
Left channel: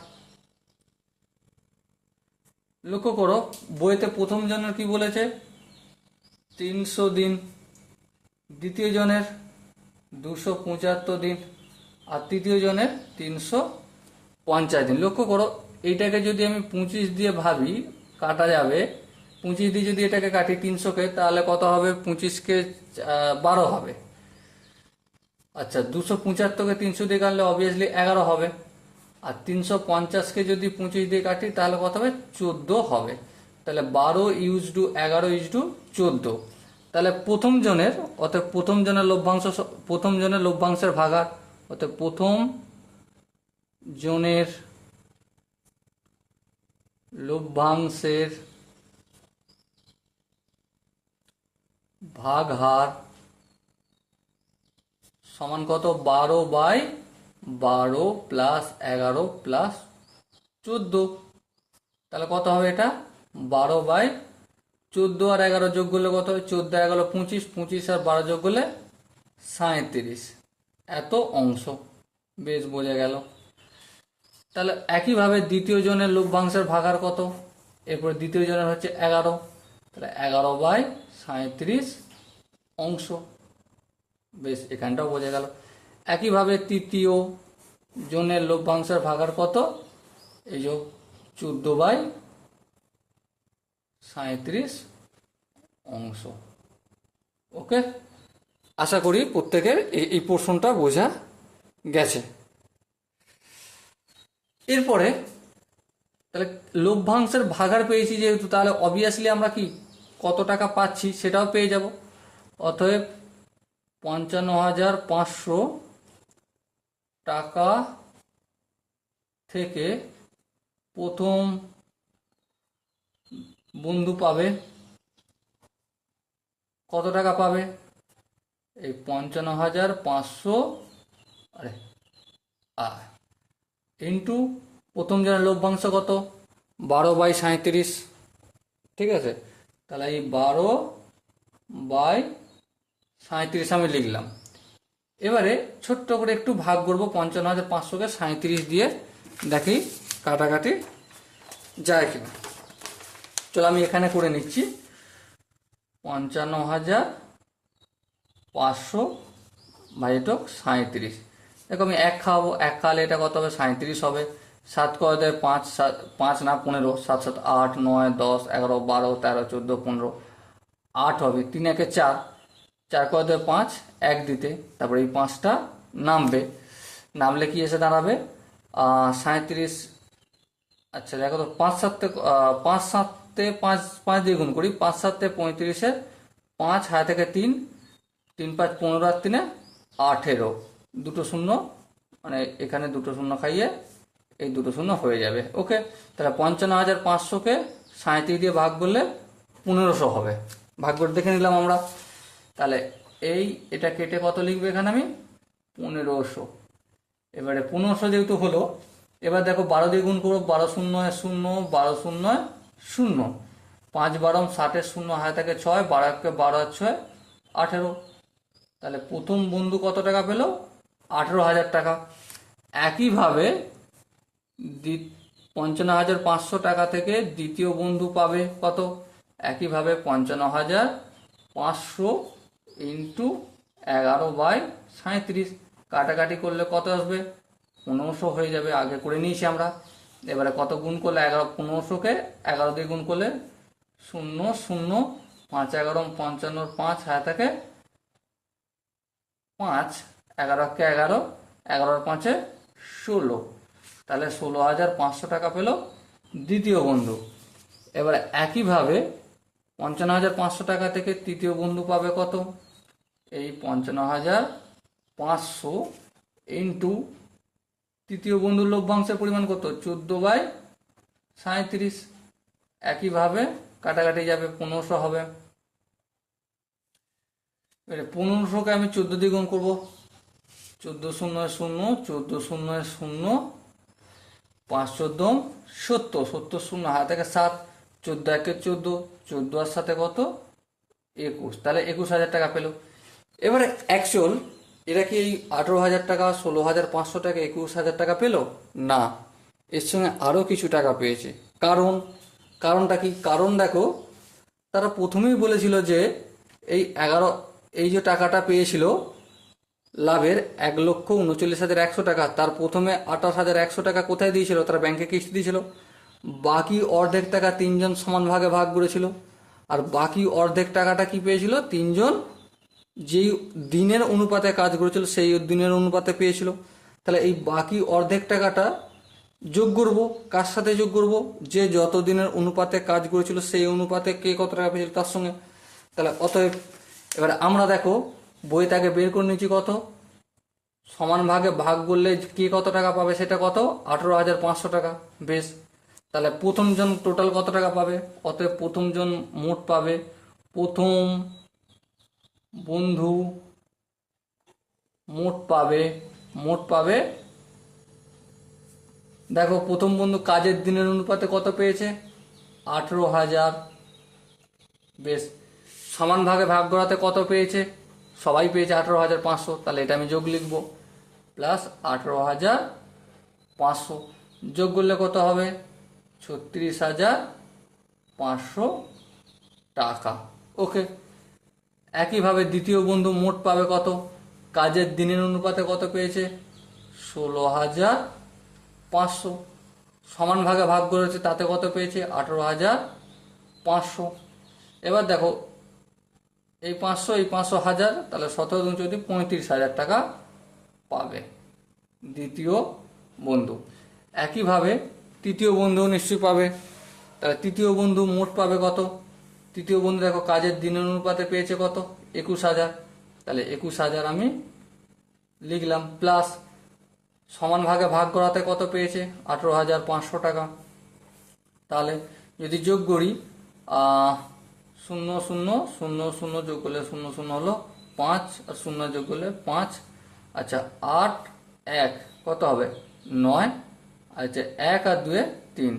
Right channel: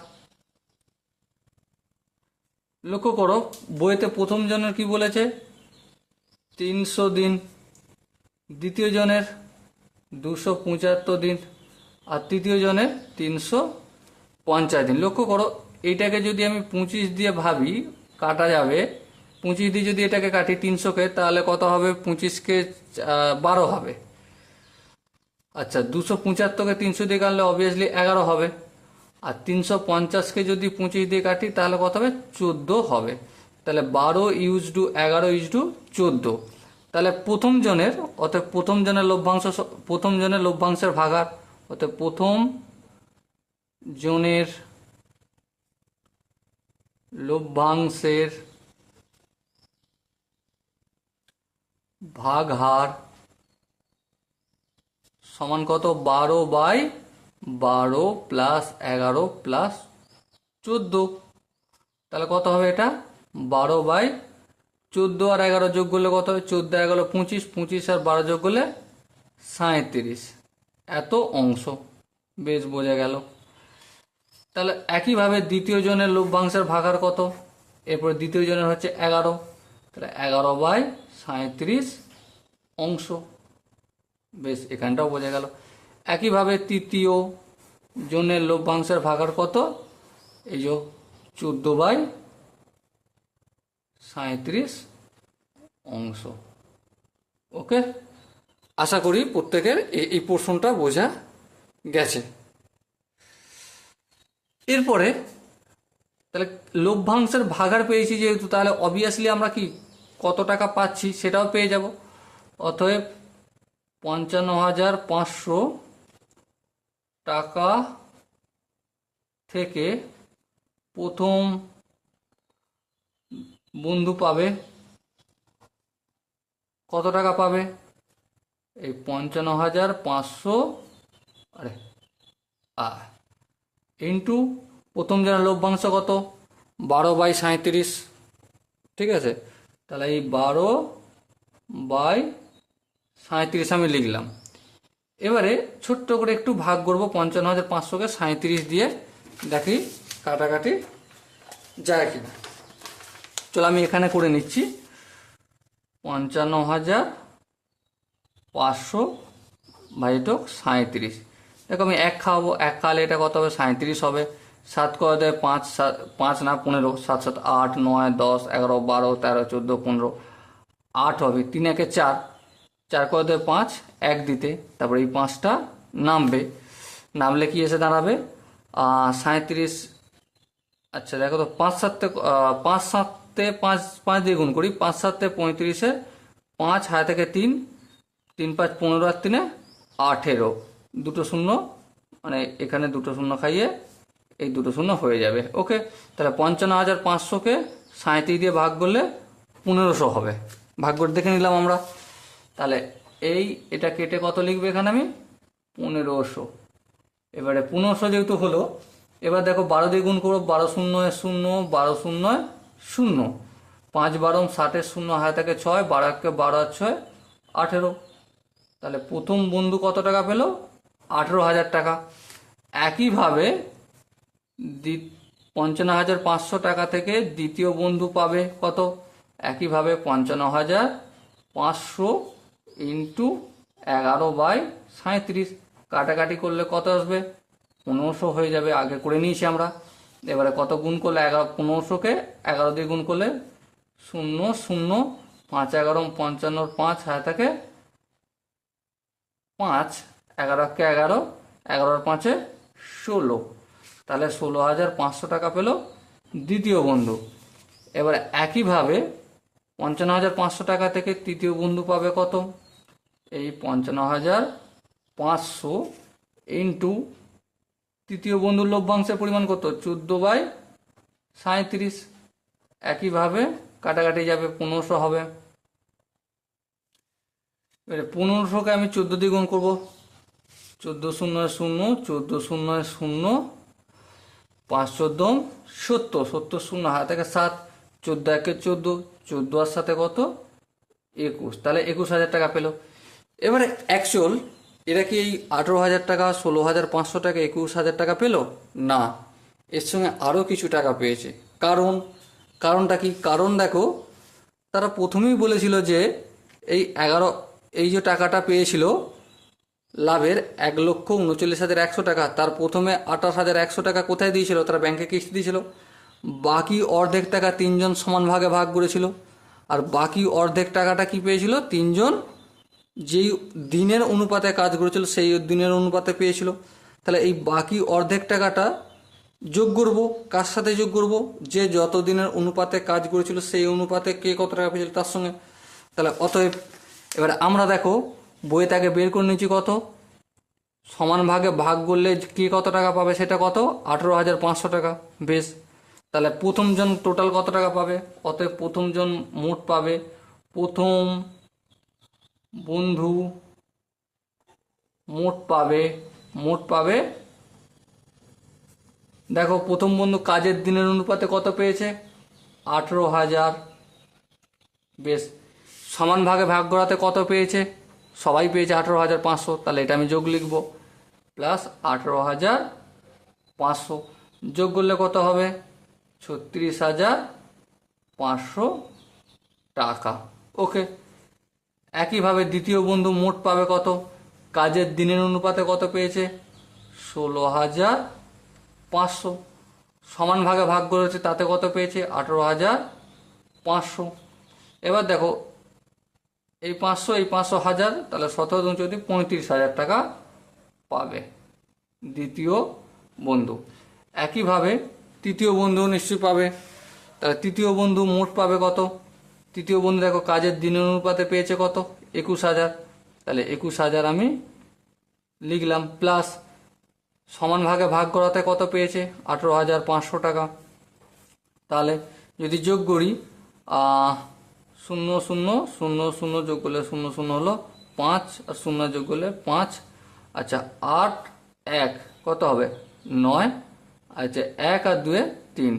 লক্ষ্য করো বইতে প্রথম জনের কি বলেছে? 300 দিন, দ্বিতীয় জনের 275 দিন, আর তৃতীয় জনের 350 দিন। লক্ষ্য করো এইটাকে যদি আমি 25 দিয়ে ভাবি, কাটা যাবে। 25 দিয়ে যদি এটাকে কাটি 300কে, তাহলে কত হবে? 25কে 12 হবে। আচ্ছা, 275কে 300 দিয়ে কাটলে অবভিয়াসলি 11 হবে। আর 350কে যদি 25 দিয়ে কাটি তাহলে কত হবে? 14 হবে। তাহলে 12 ইউজ টু 11 ইউজ টু 14। তাহলে প্রথম জনের লভ্যাংশের ভাগার, অর্থাৎ প্রথম জনের লভ্যাংশের ভাগ হার সমান কত? 12/12 প্লাস 11 প্লাস 14। তাহলে কত হবে এটা? 12/12 14 আর 11 যোগ করলে কত হবে? 14 11 25, 25 আর 12 যোগ করলে 37, এত অংশ। বেশ, বোঝা গেল। তাহলে একইভাবে দ্বিতীয় জনের লভ্যাংশের ভাগার কত? এরপর দ্বিতীয় জনের হচ্ছে 11, তাহলে 11/37 অংশ। বেশ, এখানটাও বোঝা গেল। একইভাবে তৃতীয় জনের লভ্যাংশের ভাগার কত? এই যে 14/37 অংশ। ওকে, আশা করি প্রত্যেকের এই পোর্শনটা বোঝা গেছে। এরপরে তাহলে লভ্যাংশের ভাগার পেয়েছি যেহেতু, তাহলে অবভিয়াসলি আমরা কি কত টাকা পাচ্ছি সেটাও পেয়ে যাব। অতএব 55,500 টাকা থেকে প্রথম বন্ধু পাবে কত টাকা পাবে? এই 55,500 ইন্টু প্রথম জনের লভ্যাংশ কত? 12/37। ঠিক আছে, তাহলে এই 12/37 আমি লিখলাম। এবারে ছোট্ট করে একটু ভাগ করবো 55,500কে 37 দিয়ে, দেখি কাটাকাটি যায় কিনা। চলো আমি এখানে করে নিচ্ছি। 55,500 ভাজিতক 37। দেখো আমি 1 খাওয়াবো, 1 খাওয়ালে এটা কত হবে? 37 হবে। 7 করে দেয় 5, 5 না 15, 7 7 8 9 10 11 12 13 14 15, 8 হবে। 3 1 4, 4 করে দেয় 5, 1 দিতে, তারপরে এই 5টা নামবে। নামলে কি এসে দাঁড়াবে? 37। আচ্ছা দেখো তো, 5 7 5 দিয়ে গুণ করি। 5 7 35, 5 হায় থেকে 3, 3 5 15 আর 3 18, দুটো শূন্য, মানে এখানে দুটো শূন্য খাইয়ে এই দুটো শূন্য হয়ে যাবে। ওকে, তাহলে 55,500কে 37 দিয়ে ভাগ করলে 1500 হবে। ভাগ করে দেখে নিলাম আমরা। তাহলে এটা কেটে কত লিখবে এখানে আমি? 1500। এবারে 1500 যেহেতু হলো, এবার দেখো 12 দিয়ে গুণ করবো। 12 0 0, 12 0 0, 5 12 60, 0 হায় থাকে 6, 12 12 আর 6 18। তাহলে প্রথম বন্ধু কত টাকা পেল? 18,000 টাকা। একইভাবে 55,500 টাকা থেকে দ্বিতীয় বন্ধু পাবে কত? একইভাবে 55,500 ইন্টু 11/37, কাটাকাটি করলে কত আসবে? 1500 হয়ে যাবে। আগে করে নিয়েছি আমরা। এবারে কত গুণ করলে? 1500কে 11 দিয়ে গুণ করলে 0 0, 5 11 55, 5 হায় থাকে 5, 11 11, 11 5 16, তাহলে 16,500 টাকা পেল দ্বিতীয় বন্ধু। এবার একইভাবে 55,500 টাকা থেকে তৃতীয় বন্ধু পাবে কত? এই 55,500 ইন্টু তৃতীয় বন্ধুর লভ্যাংশের পরিমাণ কত? 14/37। একইভাবে কাটাকাটি যাবে, 1500 হবে। এবারে 1500কে আমি 14 দিয়ে গুণ করবো। 14 0 0, 14 0 0, 5 14 70, 70 0 হাত থেকে 7, 14 1 14, 14 আর সাথে কত? 21, তাহলে 21,000 টাকা পেল। এবারে অ্যাকচুয়াল এরা কি এই 18,000 টাকা, 16,500 টাকা, 21,000 টাকা পেল না, এর সঙ্গে আরও কিছু টাকা পেয়েছে। কারণটা কি? কারণ দেখো, তারা প্রথমেই বলেছিল যে এই যে টাকাটা পেয়েছিল লাভের 1,39,100 টাকা, তার প্রথমে 28,100 টাকা কোথায় দিয়েছিল? তারা ব্যাংকে কিস্তি দিয়েছিল। বাকি অর্ধেক টাকা 3 জন সমান ভাগে ভাগ করেছিল। আর বাকি অর্ধেক টাকাটা কি পেয়েছিল? 3 জন যেই দিনের অনুপাতে কাজ করেছিল সেই দিনের অনুপাতে পেয়েছিল। তাহলে এই বাকি অর্ধেক টাকাটা যোগ করব। কার সাথে যোগ করব? যে যত দিনের অনুপাতে কাজ করেছিল সেই অনুপাতে কে কত টাকা পেয়েছিল তার সঙ্গে। তাহলে অতএব এবার আমরা দেখো বইয়ে তাকে বের করে নিচ্ছি কত? সমান ভাগে ভাগ করলে কে কত টাকা পাবে সেটা কত? 18,500 টাকা। বেশ, তাহলে প্রথম জন টোটাল কত টাকা পাবে? অতএব প্রথম জন মোট পাবে, প্রথম বন্ধু মোট পাবে দেখো প্রথম বন্ধু কাজের দিনের অনুপাতে কত পেয়েছে? 18,000। বেশ, সমান ভাগে ভাগ করাতে কত পেয়েছে? সবাই পেয়েছে 18,500, তাহলে এটা আমি যোগ লিখব, প্লাস 18,500 যোগ করলে কত হবে? 36,500 টাকা। ওকে। একইভাবে দ্বিতীয় বন্ধু মোট পাবে কত? কাজের দিনের অনুপাতে কত পেয়েছে? 16,500। সমান ভাগে ভাগ করেছে, তাতে কত পেয়েছে? 18,500। এবার দেখো, এই 500 এই 500 হাজার, তাহলে 17 × 14 35,000 টাকা পাবে দ্বিতীয় বন্ধু। একইভাবে তৃতীয় বন্ধু নিশ্চয়ই পাবে। তাহলে তৃতীয় বন্ধু মোট পাবে কত? তৃতীয় বন্ধু দেখো কাজের দিনের অনুপাতে পেয়েছে কত? 21,000। তাহলে 21,000 আমি লিখলাম, প্লাস সমান ভাগে ভাগ করাতে কত পেয়েছে? 18,500 টাকা। তাহলে যদি যোগ করি, 0 0 0 0 যোগ করলে 0 0 হলো 5, আর 0 যোগ করলে 5। আচ্ছা, 8 1 কত হবে? 9। আচ্ছা, 1 আর 2 3,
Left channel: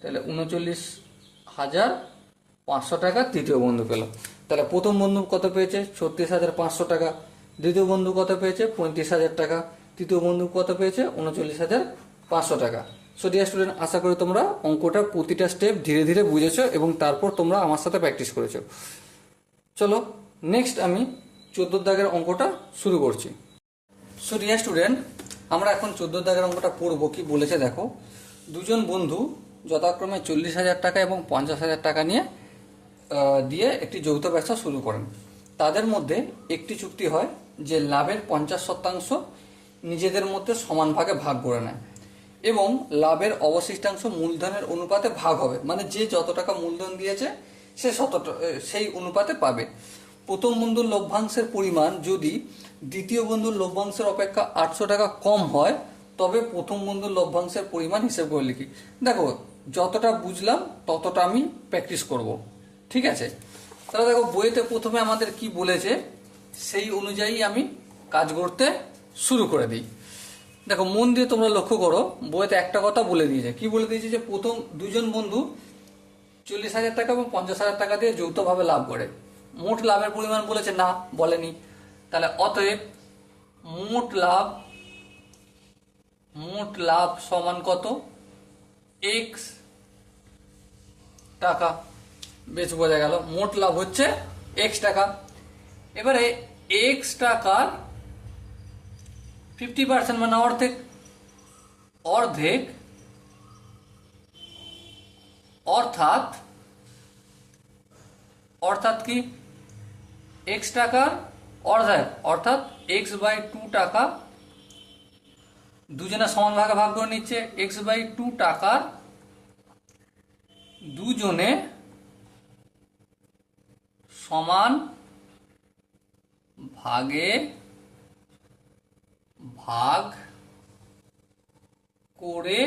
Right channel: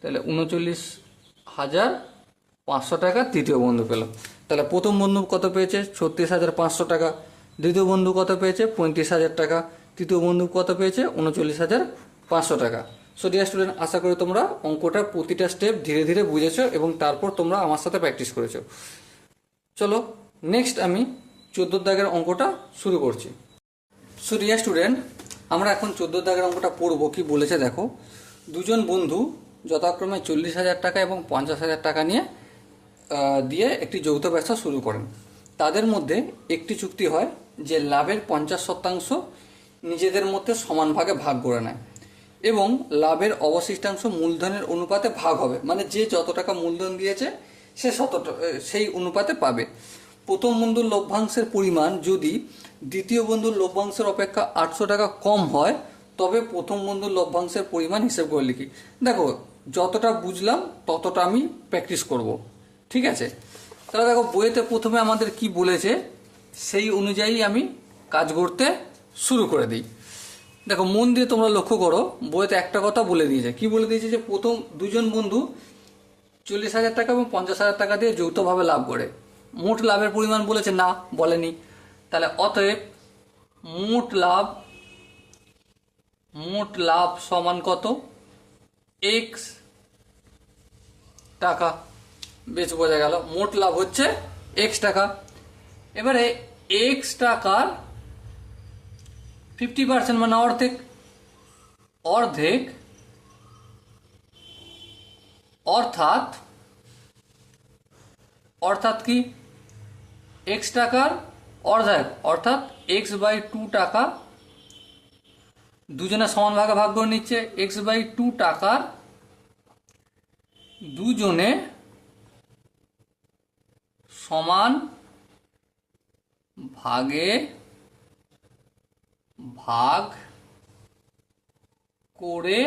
তাহলে 39,500 টাকা তৃতীয় বন্ধু পেল। তাহলে প্রথম বন্ধু কত পেয়েছে? 36,500 টাকা। দ্বিতীয় বন্ধু কত পেয়েছে? 35,000 টাকা। তৃতীয় বন্ধু কত পেয়েছে? 39,500 টাকা। সো ডিয়ার স্টুডেন্ট, আশা করি তোমরা অঙ্কটা প্রতিটা স্টেপ ধীরে ধীরে বুঝেছো এবং তারপর তোমরা আমার সাথে প্র্যাকটিস করেছো। চলো নেক্সট আমি 14 দাগের অঙ্কটা শুরু করছি। সো ডিয়ার স্টুডেন্ট, আমরা এখন 14 দাগের অঙ্কটা পড়বো। কি বলেছে দেখো, দুজন বন্ধু যথাক্রমে 40,000 টাকা এবং 50,000 টাকা দিয়ে একটি যৌথ ব্যবসা শুরু করেন। তাদের মধ্যে একটি চুক্তি হয় যে লাভের 50% নিজেদের মধ্যে সমান ভাগে ভাগ করে নেয় এবং লাভের অবশিষ্টাংশ মূলধনের অনুপাতে ভাগ হবে, মানে যে যত টাকা মূলধন দিয়েছে সে সেই অনুপাতে পাবে। প্রথম বন্ধুর লভ্যাংশের পরিমাণ যদি দ্বিতীয় বন্ধুর লভ্যাংশের অপেক্ষা 800 টাকা কম হয়, তবে প্রথম বন্ধুর লভ্যাংশের পরিমাণ হিসেব করে লিখি। দেখো, যতটা বুঝলাম ততটা আমি প্র্যাকটিস করব, ঠিক আছে? তাহলে দেখো, বইতে প্রথমে আমাদের কি বলেছে সেই অনুযায়ী আমি কাজ করতে শুরু করে দিই। দেখো, মন দিয়ে তোমরা লক্ষ্য করো, বইতে একটা কথা বলে দিয়েছে। কি বলে দিয়েছে? যে প্রথম দুজন বন্ধু 40,000 টাকা এবং 50,000 টাকা দিয়ে যৌথভাবে লাভ করে। মোট লাভের পরিমাণ বলেছে না, বলেনি। তাহলে অতএব মোট লাভ সমান কত? x টাকা। বেশ, বোঝা গেল, মোট লাভ হচ্ছে x টাকা। এবারে x টাকার 50% মানে অর্ধেক, অর্থাৎ কি? x টাকার অর্ধেক অর্থাৎ x/2 টাকা দুজনে সমান ভাগে ভাগ করে নিচ্ছে। x/2 টাকার দুজনে সমান ভাগে ভাগ করে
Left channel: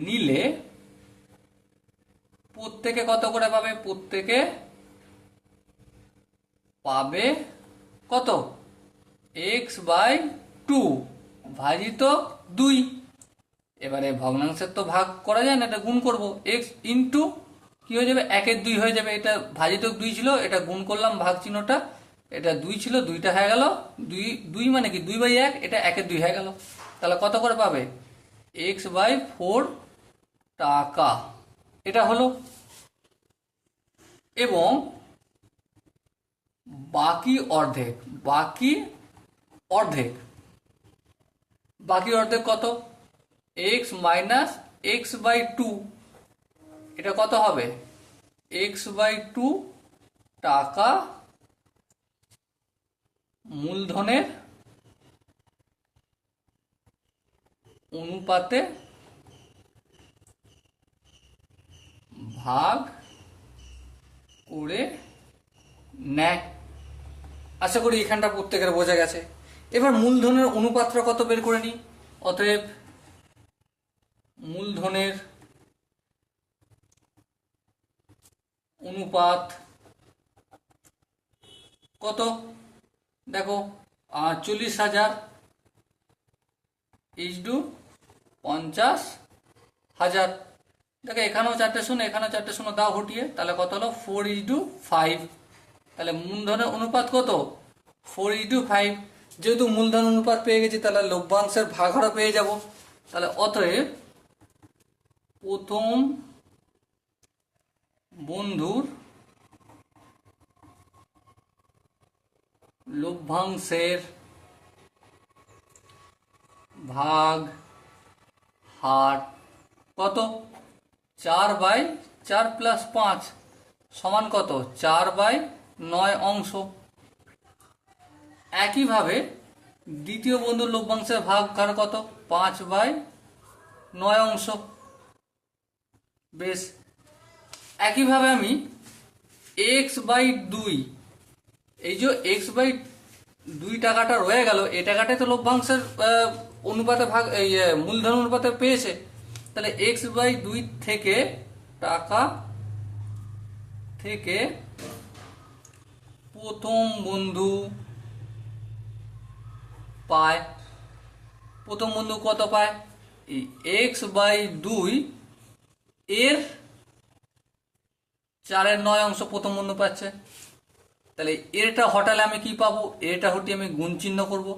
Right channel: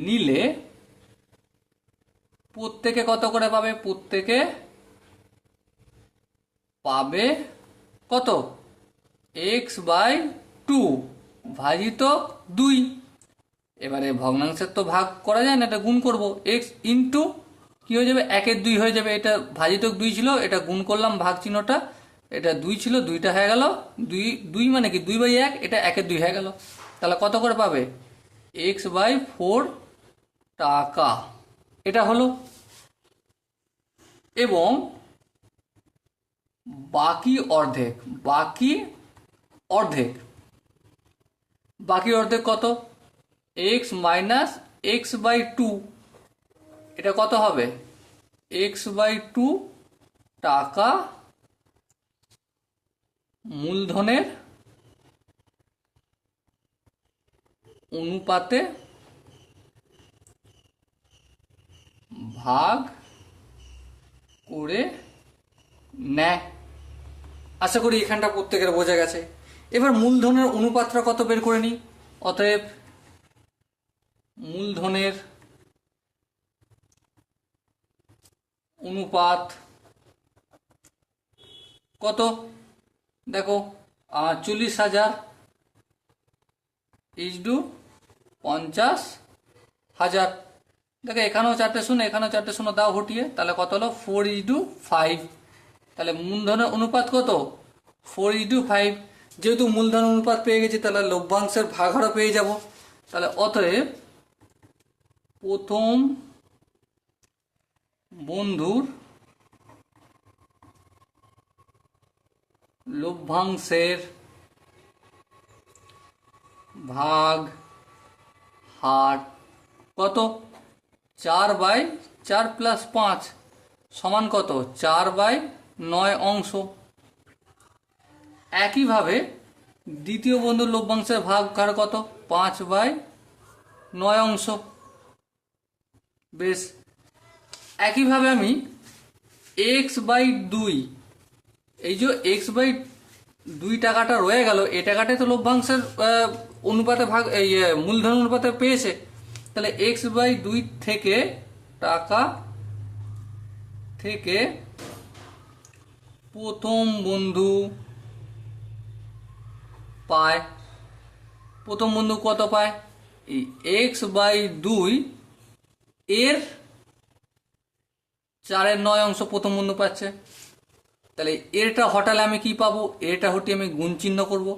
নিলে প্রত্যেকে কত করে পাবে? প্রত্যেকে পাবে কত? x/2 ভাজিত 2। এবারে ভগ্নাংশের তো ভাগ করা যায় না, এটা গুণ করব। x ইন্টু কি হয়ে যাবে? 1/2 হয়ে যাবে। এটা ভাজিত 2 ছিল, এটা গুণ করলাম ভাগ চিহ্নটা, এটা 2 ছিল, 2টা হয়ে গেল 2 মানে কি 2/1, এটা 1/2 হয়ে গেল। তাহলে কত করে পাবে? x/4 টাকা। এটা হলো। এবং বাকি অর্ধেক কত? x minus x/2। এটা কত হবে? x/2 টাকা মূলধনের অনুপাতে ভাগ করে নেয়। আশা করি এখানটা প্রত্যেকের বোঝা গেছে। এবার মূলধনের অনুপাতটা কত বের করে নিই। অতএব মূলধনের অনুপাত কত? দেখো, 40,000 = 50,000। দেখো এখানেও 4টে শূন্য, এখানেও 4টে শূন্য, দাও হটিয়ে, তাহলে কত হলো 4:5। তাহলে মূলধনের অনুপাত কত 4:5। যেহেতু মূলধন অনুপাত পেয়ে গেছি তাহলে লভ্যাংশের ভাগহারও পেয়ে যাব। তাহলে অতএব প্রথম বন্ধুর লভ্যাংশের ভাগ হার কত 4/4 + 5 সমান কত 4/9 অংশ। একইভাবে দ্বিতীয় বন্ধুর লভ্যাংশের ভাগ হার কত 5/9 অংশ। বেশ, একইভাবে আমি x/2, এই যে x/2 টাকাটা রয়ে গেল, এই টাকাটাই তো লভ্যাংশের অনুপাতে ভাগ, এই মূলধন অনুপাতে পেয়েছে। তাহলে x/2 থেকে টাকা থেকে প্রথম বন্ধু পায়, প্রথম বন্ধু কত পায় এই x/2 এর 4/9 অংশ প্রথম বন্ধু পাচ্ছে। তাহলে এরটা হটালে আমি কি পাবো, এরটা হটিয়ে আমি গুণ চিহ্ন করবো,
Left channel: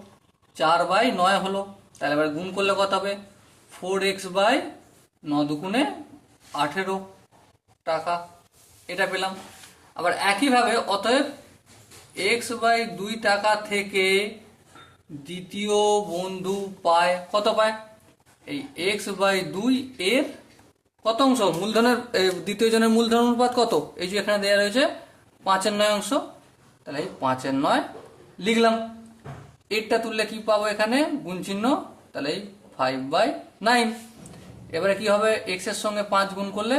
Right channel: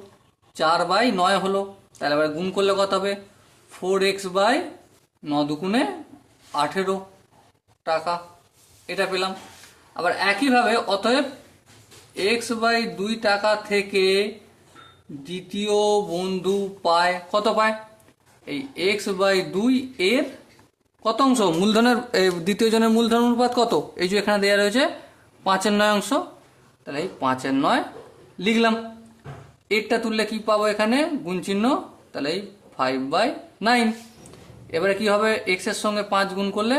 4/9 হলো। তাহলে আবার গুণ করলে কত হবে 4x/9 × 18 টাকা, এটা পেলাম। আবার একইভাবে অতএব x/2 টাকা থেকে দ্বিতীয় বন্ধু পায় কত পায় এই x/2 এর কত অংশ মূলধনের, দ্বিতীয় জনের মূলধন অনুপাত কত, এই যে এখানে দেওয়া রয়েছে 5/9 অংশ। তাহলে এই 5/9 লিখলাম। এরটা তুললে কি পাবো এখানে গুণ চিহ্ন, তাহলে এই 5/9। এবারে কি হবে x এর সঙ্গে 5 গুণ করলে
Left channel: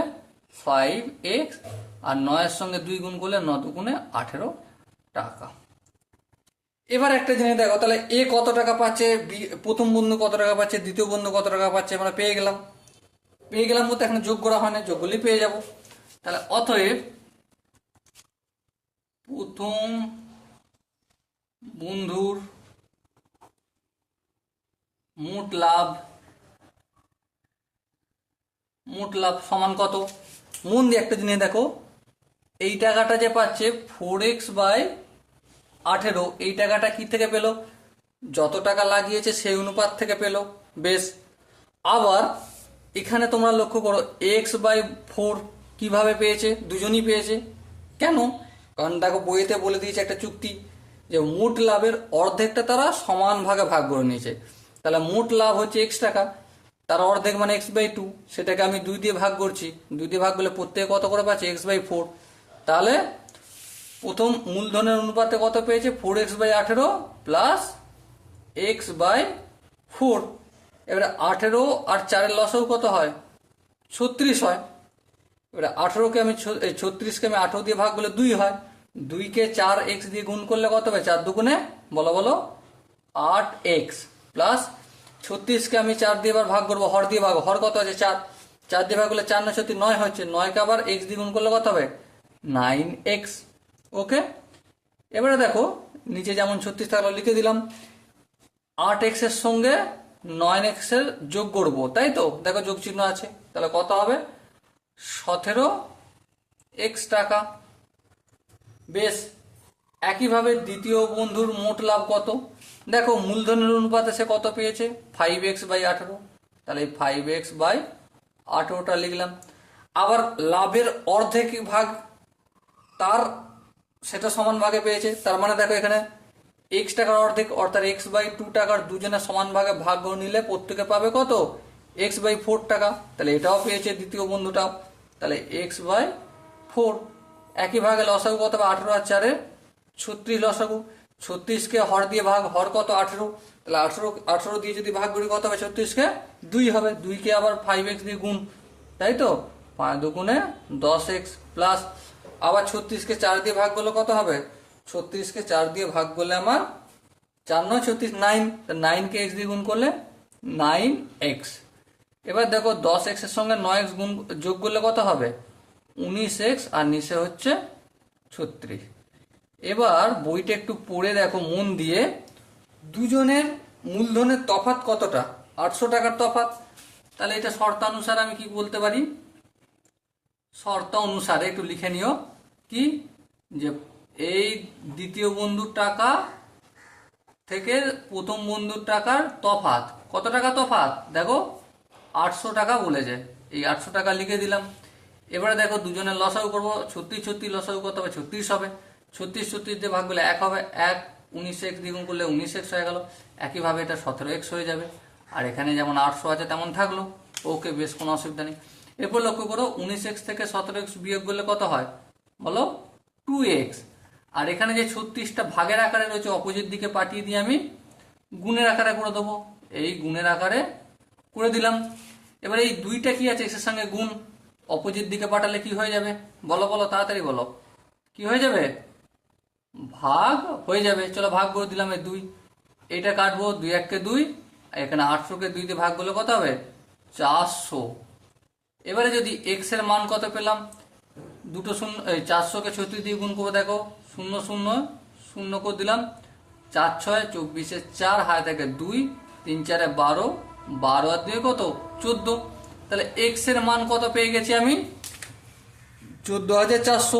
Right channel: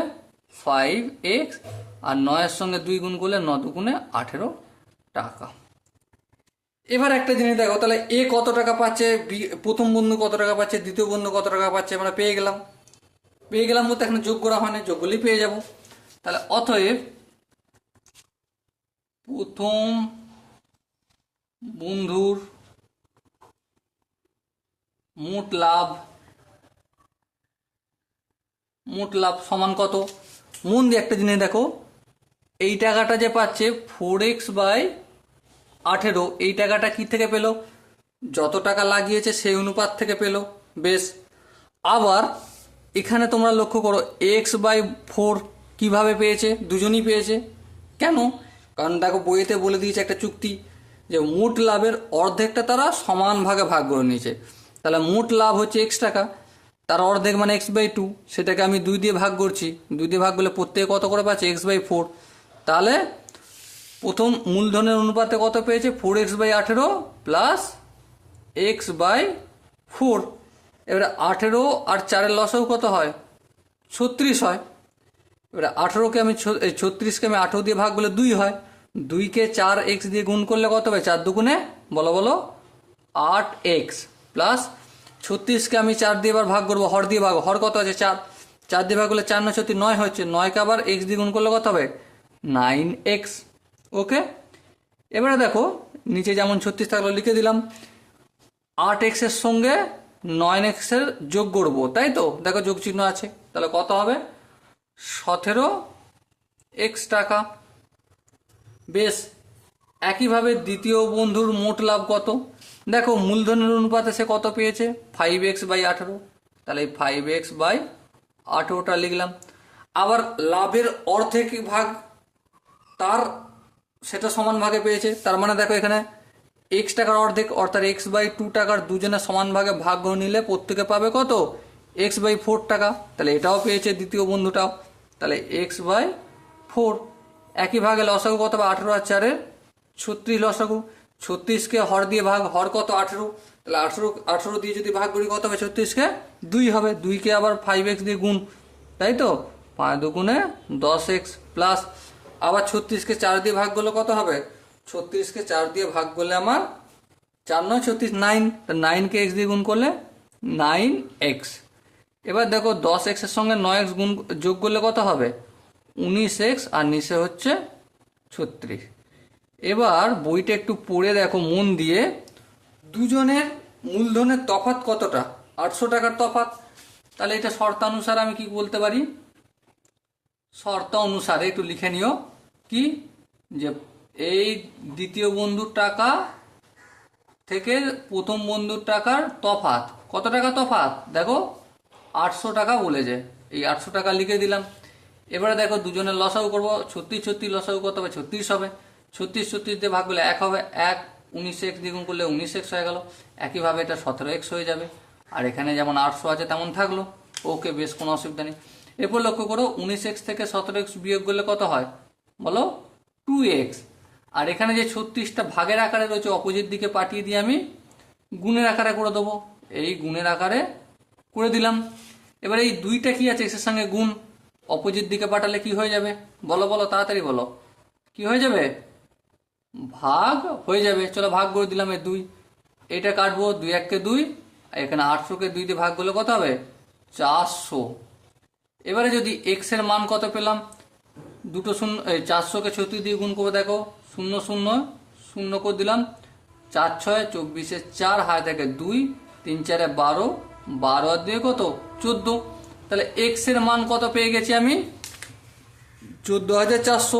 5x, আর 9 এর সঙ্গে 2 গুণ করলে 9×2 = 18 টাকা। এবার একটা জিনিস দেখো, তাহলে এ কত টাকা পাচ্ছে, প্রথম বন্ধু কত টাকা পাচ্ছে, দ্বিতীয় বন্ধু কত টাকা পাচ্ছে, আমরা পেয়ে গেলাম। বলতে এখানে যোগ করা হয় না, যোগ করলেই পেয়ে যাব। তাহলে অতএব প্রথম বন্ধুর মোট লাভ সমান কত, মন দিয়ে একটা জিনিস দেখো, এই টাকাটা যে পাচ্ছে 4x/18, এই টাকাটা কি থেকে পেল, যত টাকা লাগিয়েছে সেই অনুপাত থেকে পেল। বেশ, আবার এখানে তোমরা লক্ষ্য করো x/4 কিভাবে পেয়েছে, দুজনই পেয়েছে। কেন, কারণ দেখো বইয়েতে বলে দিয়েছে একটা চুক্তি যে মোট লাভের অর্ধেকটা তারা সমান ভাগে ভাগ করে নিয়েছে। তাহলে মোট লাভ হচ্ছে x টাকা, তার অর্ধেক মানে x/2, সেটাকে আমি 2 দিয়ে ভাগ করছি, 2 দিয়ে ভাগ করলে প্রত্যেকে কত করে পাচ্ছে x/4। তাহলে প্রথম মূলধনের অনুপাতে কত পেয়েছে 4x/18 প্লাস x/4। এবারে 18 আর 4-এর লসাগু কত হয় 36 হয়। এবারে 18কে আমি 36কে আমি 18 দিয়ে ভাগ করলে 2 হয়, 2কে 4x দিয়ে গুণ করলে কত হবে 4×2 বলো 8x, প্লাস 36কে আমি 4 দিয়ে এবার ভাগ করবো, হর দিয়ে ভাগ, হর কত আছে 4, 4 দিয়ে ভাগ করলে 4 9 36 9 হচ্ছে, 9কে আবার x দিয়ে গুণ করলে কত হবে 9x। ওকে, এবারে দেখো নিচে যেমন 36 থাকলো লিখে দিলাম, 8x এর সঙ্গে 9x এর যোগ করবো, তাই তো দেখো যোগ চিহ্ন আছে, তাহলে কত হবে 17x টাকা। বেশ, একইভাবে দ্বিতীয় বন্ধুর মোট লাভ কত, দেখো মূলধনের অনুপাতে সে কত পেয়েছে 5x/18, তাহলে 5x/18টা লিখলাম। আবার লাভের অর্ধেক ভাগ তার সেটা সমান ভাগে পেয়েছে, তার মানে দেখো এখানে x টাকার অর্ধেক অর্থাৎ x/2 টাকার দুজনের সমান ভাগে ভাগ করে নিলে প্রত্যেকে পাবে কত x/4 টাকা। তাহলে এটাও পেয়েছে দ্বিতীয় বন্ধুটাও, তাহলে x/4। একই ভাগে লসাগু কত হবে 18 আর 4-এর 36 লসাগু, 36কে হর দিয়ে ভাগ, হর কত 18, তাহলে 18 দিয়ে যদি ভাগ করি কত হবে 36কে 2 হবে, 2কে আবার 5x দিয়ে গুণ, তাই তো 5×2 = 10x, প্লাস আবার 36কে 4 দিয়ে ভাগ করলে কত হবে 36কে 4 দিয়ে ভাগ করলে আমার 4 9 36 9, 9কে x দিয়ে গুণ করলে 9x। এবার দেখো 10x এর সঙ্গে 9x গুণ যোগ করলে কত হবে 19x, আর নিচে হচ্ছে 36। এবার বইটা একটু পড়ে দেখো মন দিয়ে, দুজনের মূলধনের তফাৎ কতটা 800 টাকার তফাৎ। তাহলে এটা শর্তানুসারে আমি কি বলতে পারি শর্ত অনুসারে একটু লিখে নিও কি, যে এই দ্বিতীয় বন্ধুর টাকা থেকে প্রথম বন্ধুর টাকার তফাৎ কত টাকা তফাৎ, দেখো 800 টাকা বলেছে, এই 800 টাকা লিখে দিলাম। এবারে দেখো দুজনের লসাগু করবো, 36 36 লসাগু করতে হবে, 36 হবে, 36 36 দিয়ে ভাগ করলে 1 হবে, 1 19x দ্বিগুণ করলে 19x হয়ে গেল। একইভাবে এটা 17x হয়ে যাবে, আর এখানে যেমন 800 আছে তেমন থাকলো। ওকে, বেশ, কোনো অসুবিধা নেই। এরপর লক্ষ্য করো 19x থেকে 17x বিয়োগ করলে কত হয় বলো, 2x। আর এখানে যে 36টা ভাগের আকারে রয়েছে অপোজিট দিকে পাঠিয়ে দিয়ে আমি গুণের আকারে করে দেবো, এই গুণের আকারে করে দিলাম। এবার এই দুইটা কি আছে এর সঙ্গে গুণ, অপোজিট দিকে পাঠালে কি হয়ে যাবে বলো বলো, তাড়াতাড়ি বলো, কি হয়ে যাবে, ভাগ হয়ে যাবে। চলো ভাগ করে দিলাম, এই 2, এটা কাটবো, 2 1 কে 2, এখানে 800 কে 2 দিয়ে ভাগ করলে কত হবে 400। এবারে যদি x এর মান কত পেলাম, দুটো শূন্য, 400 কে 36 দিয়ে গুণ করে দেখো, 0 0 0 করে দিলাম, 4 6 24 4, হায় থেকে 2, 3 4 12, 12 আর 2 কত 14। তাহলে x এর মান কত পেয়ে গেছি আমি, 14,400।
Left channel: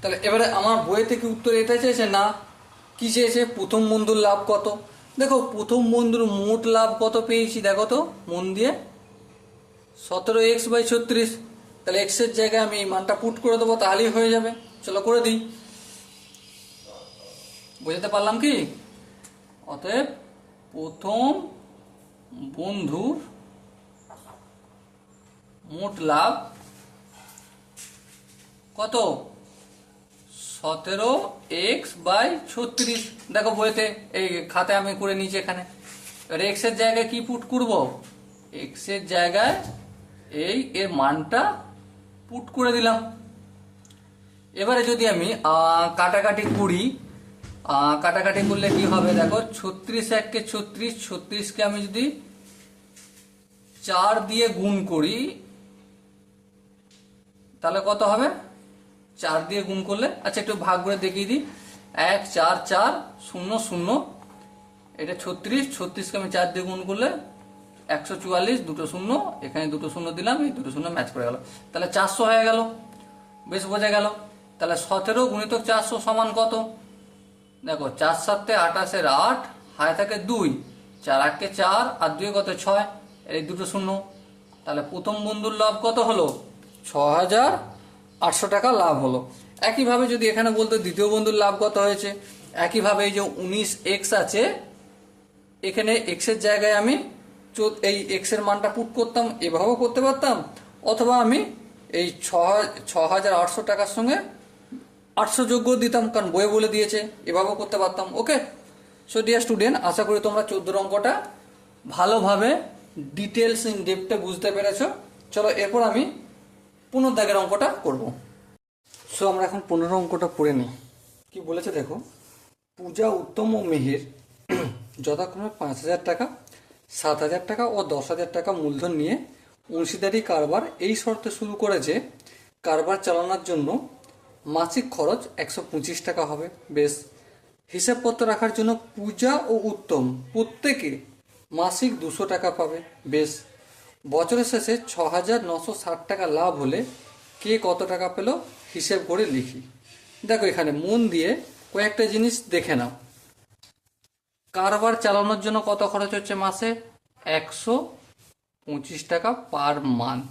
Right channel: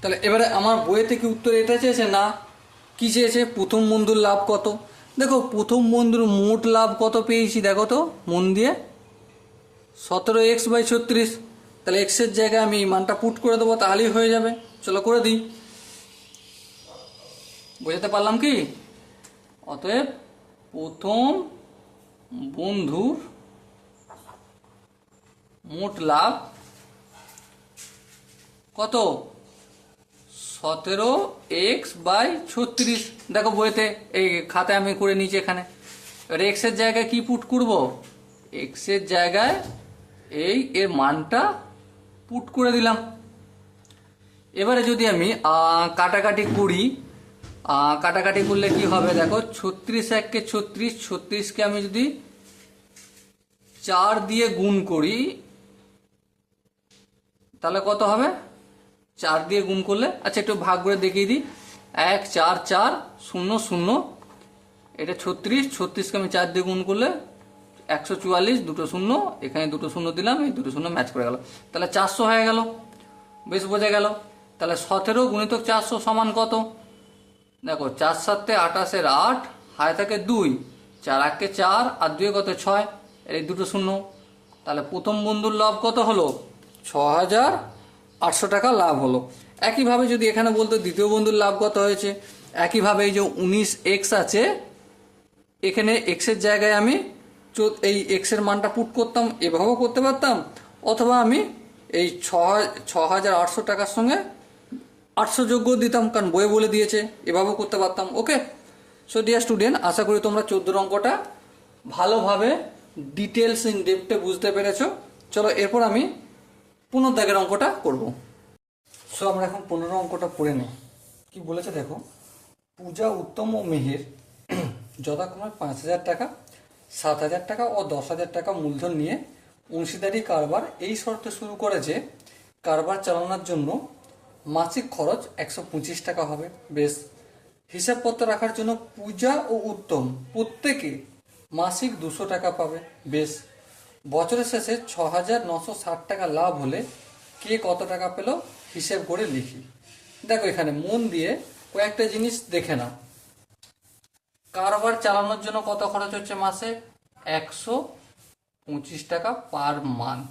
তাহলে এবারে আমার বইয়ে থেকে উত্তর এটা চেয়েছে না, কি চেয়েছে, প্রথম বন্ধুর লাভ কত। দেখো প্রথম বন্ধুর মোট লাভ কত পেয়েছি, দেখো তো মন দিয়ে, 17x/36। তাহলে x এর জায়গায় আমি এই মানটা পুট করে দেবো, তাহলেই হয়ে যাবে। চলো করে দিই, বোঝাতে পারলাম কি। অতএব প্রথম বন্ধুর মোট লাভ কত, 17x/36। দেখো বইতে, এই খাতায় আমি করে নিয়েছি এখানে। এবার x এর জায়গায় কি পুট করব, x এর জায়গায় এই এর মানটা পুট করে দিলাম। এবারে যদি আমি কাটাকাটি করি, কাটাকাটি করলে কি হবে দেখো, 36 1 কে 36, 36 কে আমি যদি 4 দিয়ে গুণ করি তাহলে কত হবে, 4 দিয়ে গুণ করলে, আচ্ছা একটু ভাগ করে দেখিয়ে দিই, 1 4 4 0 0, এটা 36, 36 কে আমি 4 দিয়ে গুণ করলে 144, দুটো শূন্য, এখানে দুটো শূন্য দিলাম, এই দুটো শূন্য ম্যাচ করে গেল, তাহলে 400 হয়ে গেল। বেশ বোঝা গেল। তাহলে 17 গুণিতক 400 সমান কত, দেখো 4 7 28 8, হায় থাকে 2, 4 8 4, আর 2 কত 6, এই দুটো শূন্য। তাহলে প্রথম বন্ধুর লাভ কত হলো, 6,800 টাকা লাভ হলো। একইভাবে যদি এখানে বলতো দ্বিতীয় বন্ধুর লাভ কত হয়েছে, একইভাবে এই যে 19x আছে, এখানে x এর জায়গায় আমি এই x এর মানটা পুট করতাম, এভাবেও করতে পারতাম, অথবা আমি এই 6,800 টাকার সঙ্গে 800 যোগ করে দিতাম, কারণ বইয়ে বলে দিয়েছে, এভাবেও করতে পারতাম। ওকে, সো ডিয়ার স্টুডেন্ট, আশা করি তোমরা 14 অঙ্কটা ভালোভাবে ডিটেলস ইন ডেপথে বুঝতে পেরেছো। চলো এরপর আমি 15 দাগের অঙ্কটা করব। সো আমরা এখন 15 অঙ্কটা পড়ে নিই। কি বলেছে দেখো, পূজা, উত্তম ও মিহির যথাক্রমে 5,000 টাকা, 7,000 টাকা ও 10,000 টাকা মূলধন নিয়ে অংশীদারি কারবার এই শর্তে শুরু করেছে, কারবার চালানোর জন্য মাসিক খরচ 125 টাকা হবে। বেশ, হিসাবপত্র রাখার জন্য পূজা ও উত্তম প্রত্যেকে মাসিক 200 টাকা পাবে। বেশ, বছরের শেষে 6,960 টাকা লাভ হলে কে কত টাকা পেল হিসেব করে লিখি। দেখো এখানে মন দিয়ে কয়েকটা জিনিস দেখে নাও। কারবার চালানোর জন্য কত খরচ হচ্ছে মাসে, 125 টাকা পার মান্থ,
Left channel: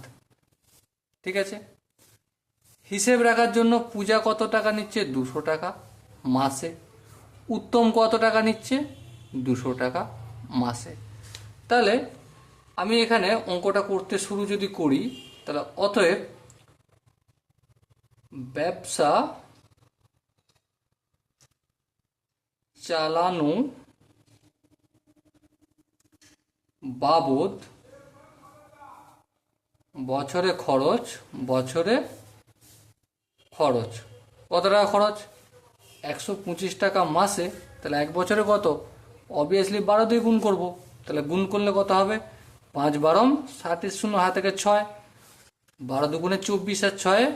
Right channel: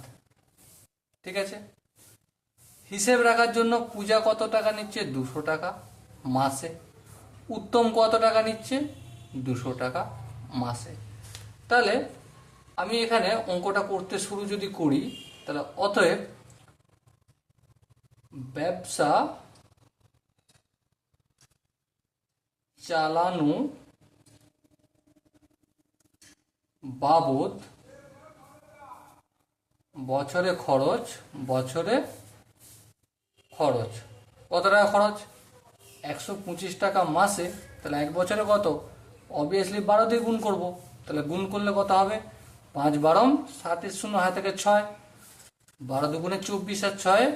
ঠিক আছে। হিসেব রাখার জন্য পূজা কত টাকা নিচ্ছে, 200 টাকা মাসে। উত্তম কত টাকা নিচ্ছে, 200 টাকা মাসে। তাহলে আমি এখানে অঙ্কটা করতে শুরু যদি করি, তাহলে অতএব ব্যবসা চালানো বাবদ বছরে খরচ, কত টাকা খরচ, 125 টাকা মাসে। তাহলে এক বছরে কত, অবভিয়াসলি 12 দিয়ে গুণ করব। তাহলে গুণ করলে কত হবে, 5 12 7 0 হাত থেকে 6, 12 দুগুণে 24 আর 6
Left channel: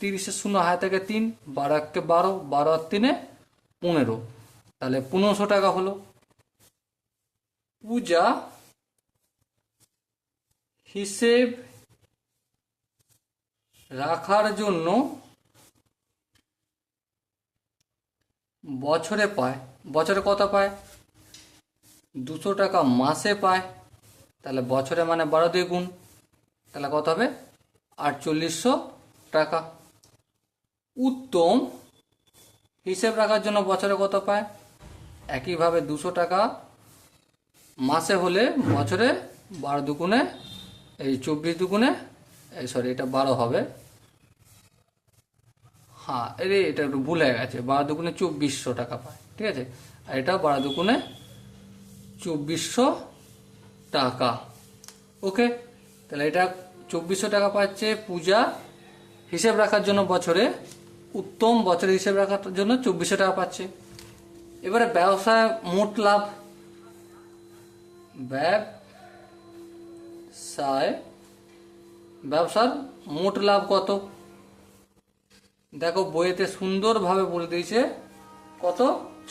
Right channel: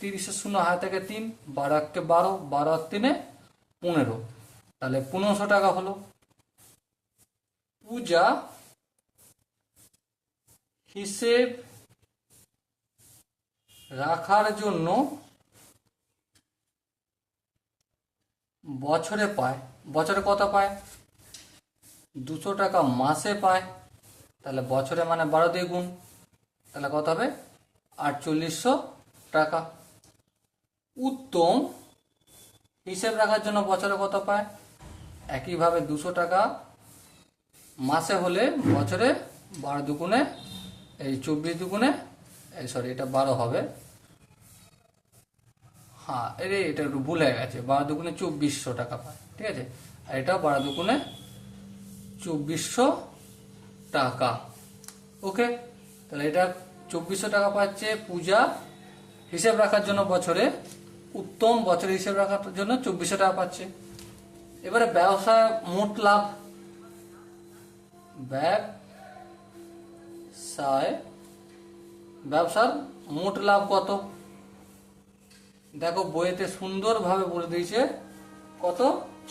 30 0 হাত থেকে 3, 12 1 12, 12 আর 3 15, তাহলে 1500 টাকা হলো। পূজা হিসেব রাখার জন্য বছরে পায়, বছরে কত পায়? 200 টাকা মাসে পায়। তাহলে বছরে মানে 12 দিয়ে গুণ, তাহলে কত হবে? 4800 টাকা। উত্তম হিসেব রাখার জন্য বছরে কত পায়? একইভাবে 200 টাকা মাসে হলে বছরে 12 দুগুণে, এই 24 দুগুণে, এই সরি এটা 12 হবে, হ্যাঁ এটা একটু ভুল হয়ে গেছে, 12 দুগুণে 2400 টাকা পায়, ঠিক আছে। আর এটা 12 দুগুণে 2400 টাকা। ওকে, তাহলে এটা 2400 টাকা পাচ্ছে পূজা হিসেব রাখার জন্য বছরে। উত্তম বছরে হিসেব রাখার জন্য 2400 টাকা পাচ্ছে। এবারে ব্যবসায় মোট লাভ, ব্যবসার মোট লাভ কত? দেখো বইতে সুন্দরভাবে বলে দিয়েছে কত?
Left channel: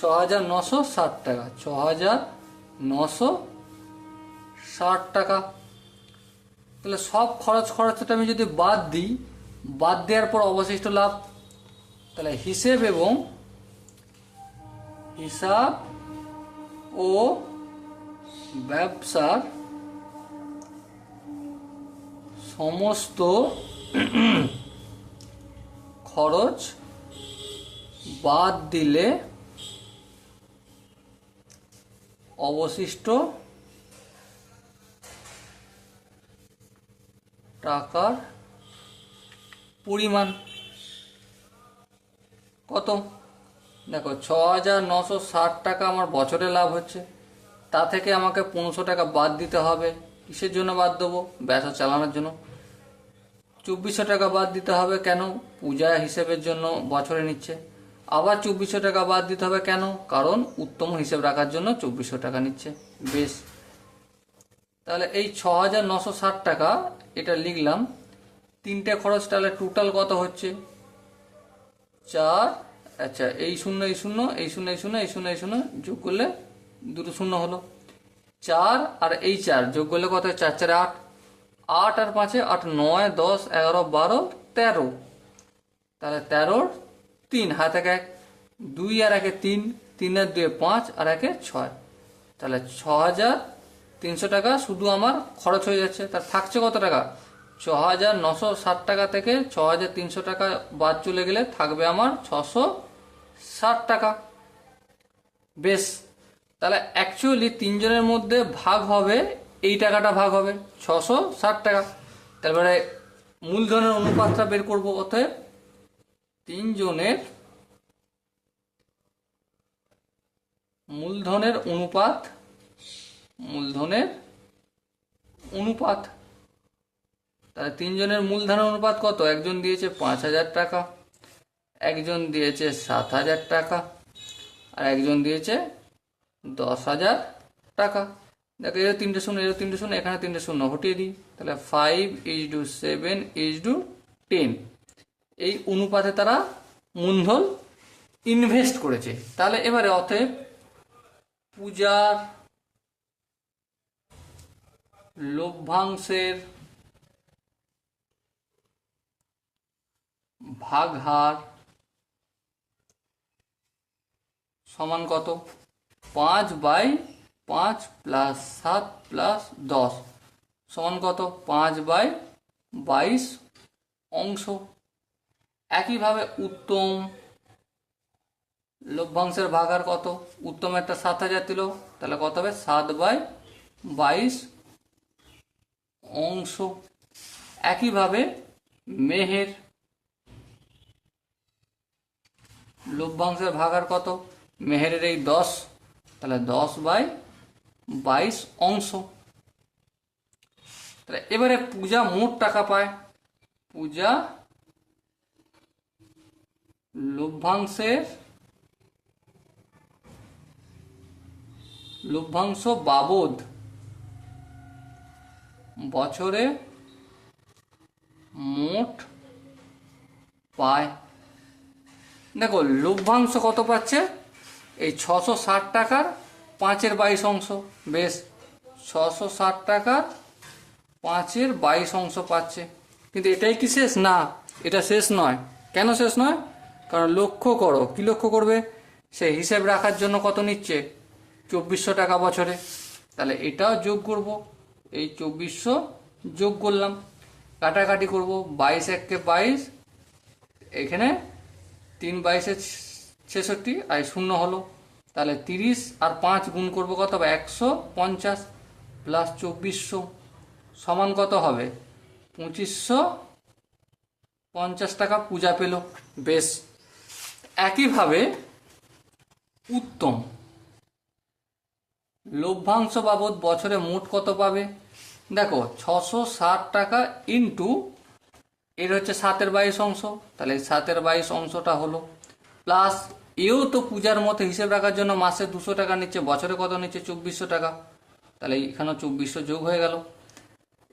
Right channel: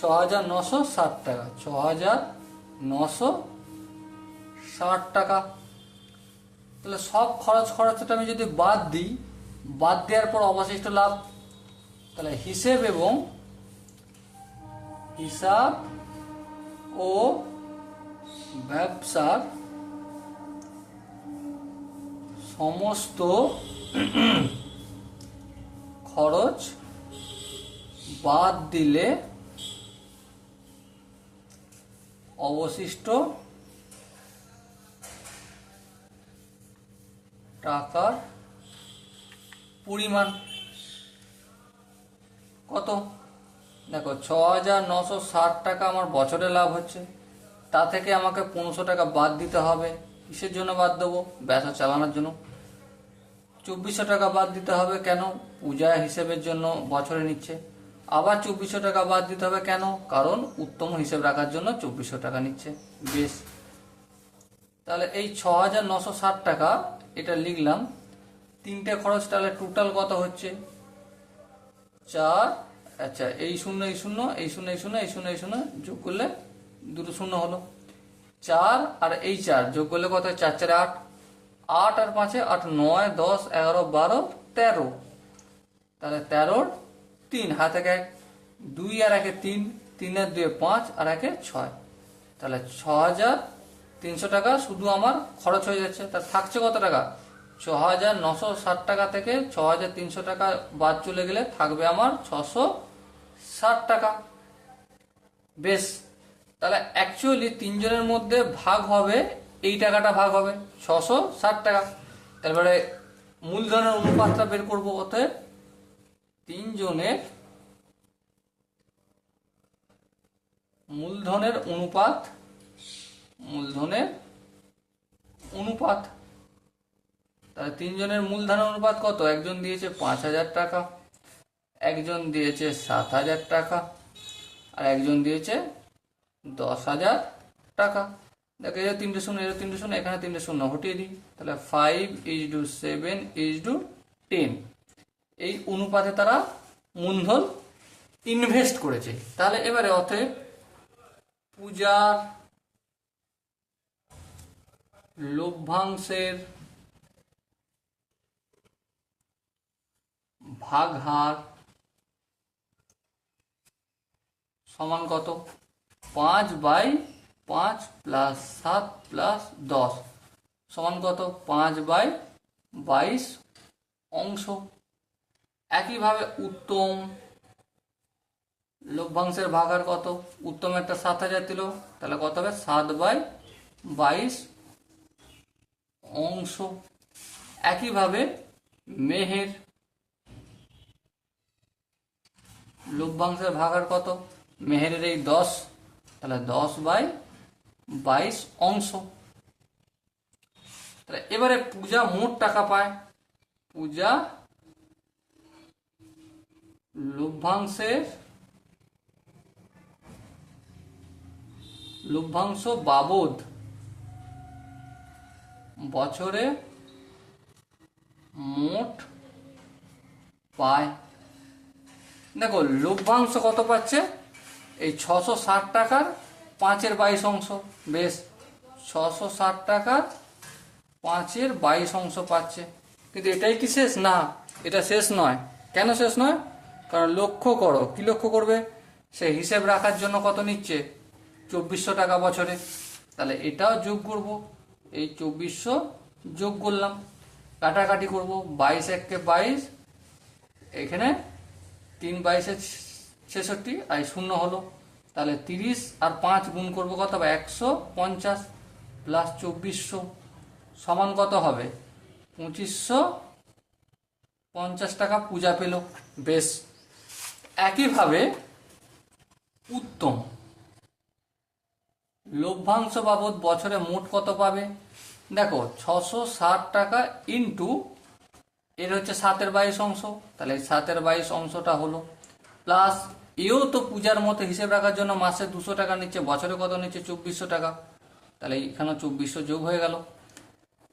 6960 টাকা। 6960 টাকা। তাহলে সব খরচটা আমি যদি বাদ দিই, বাদ দেওয়ার পর অবশিষ্ট লাভ, তাহলে হিসাব ও ব্যবসার সমস্ত খরচ বাদ দিলে অবশিষ্ট টাকার পরিমাণ কত? দেখো 6960 টাকা আমার বছরে লাভ হচ্ছে, তা থেকে আমাকে 1500 টাকা বাদ দিতে হবে। কিসের জন্য বাদ দেবো? ব্যবসা চালানোর জন্য। 2400 টাকা বাদ দিতে হবে কেন? পূজা হিসেবের জন্য বছরে নিচ্ছে। আবার 2400 টাকা বাদ দিতে হবে কেন? কারণ উত্তম হিসেব রাখার জন্য 2400 টাকা নিচ্ছে। বেশ, তাহলে এই 6960 টাকা এটা লিখলাম। তিনটে খরচ তাহলে টোটাল কত হচ্ছে? 4, আচ্ছা এই শূন্য এই শূন্য এই শূন্য এই শূন্য এই শূন্য এই শূন্য যোগ করলে দুটো শূন্য হলো। 4 আর এই 4 যোগ করলে কত? 4 4 8, 8 আর 5 8 9 10 11 12 13, তাহলে 13 3 হাতে 1, 2 আর 1 3, 3 আর 2 5 আর 1 6, তাহলে 6300 টাকা শুধু আমার খরচ হয়ে যাচ্ছে। তার থাকছে কত টাকা? 6960 টাকা থেকে 6300 টাকা বাদ চলে গেলে থাকবে আমার 660 টাকা। বেশ, তাহলে অ্যাকচুয়ালি তিনজনের মধ্যে ভাগ হবে, এই টাকাটা ভাগ হবে 660 টাকা। তারপরে মূলধনের অনুপাতটা বের করবো। অতএব তিনজনের মূলধনের অনুপাত, তাহলে তিনজনের মূলধনের অনুপাত কত? একজন দিয়েছে 5000 টাকা, একজন দিয়েছে 7000 টাকা, আর একজন দিয়েছে 10,000 টাকা। দেখো এর 3টে শূন্য, এর 3টে শূন্য, এখানে 3টে শূন্য হটিয়ে দিই, তাহলে 5:7:10 এই অনুপাতে তারা মূলধন ইনভেস্ট করেছে। তাহলে এবারে অতএব পূজার লভ্যাংশের ভাগহার সমান কত? 5/5 প্লাস 7 প্লাস 10 সমান কত? 5/22 অংশ। একইভাবে উত্তম লভ্যাংশের ভাগহার কত? উত্তম একটা 7000 দিল, তাহলে কত হবে? 7/22 অংশ। একইভাবে মেহের লভ্যাংশের ভাগহার কত? মেহেরের এই 10, তাহলে 10/22 অংশ। তাহলে এবারে পূজা মোট টাকা পায়। পূজা লভ্যাংশ বাবদ বছরে মোট পায়। দেখো লভ্যাংশ কত পাচ্ছে? এই 660 টাকার 5/22 অংশ। বেশ, 660 টাকার 5/22 অংশ পাচ্ছে। কিন্তু এটাই কি শেষ? না, এটা শেষ নয়। কেন শেষ নয়? কারণ লক্ষ্য করো, কি লক্ষ্য করবে, সে হিসেব রাখার জন্য কত নিচ্ছে, 2400 টাকা বছরে। তাহলে এটাও যোগ করব, এই 2400 যোগ করলাম, কাটাকাটি করব, 22 একে 22, এখানে 3 22 66 আর শূন্য হলো। তাহলে 30 আর 5 গুণ করবো কত হবে, 150 প্লাস 2400 সমান কত হবে, 2550 টাকা পূজা পেল। বেশ, একইভাবে উত্তম লভ্যাংশ বাবদ বছরে মোট কত পাবে, দেখো 660 টাকা ইন্টু এর হচ্ছে 7/22 অংশ, তাহলে 7/22 অংশটা হলো, প্লাস এও তো পূজার মতো হিসেব রাখার জন্য মাসে 200 টাকা নিচ্ছে, বছরে কত নিচ্ছে, 2400 টাকা। তাহলে এখানে 2400 যোগ হয়ে গেল।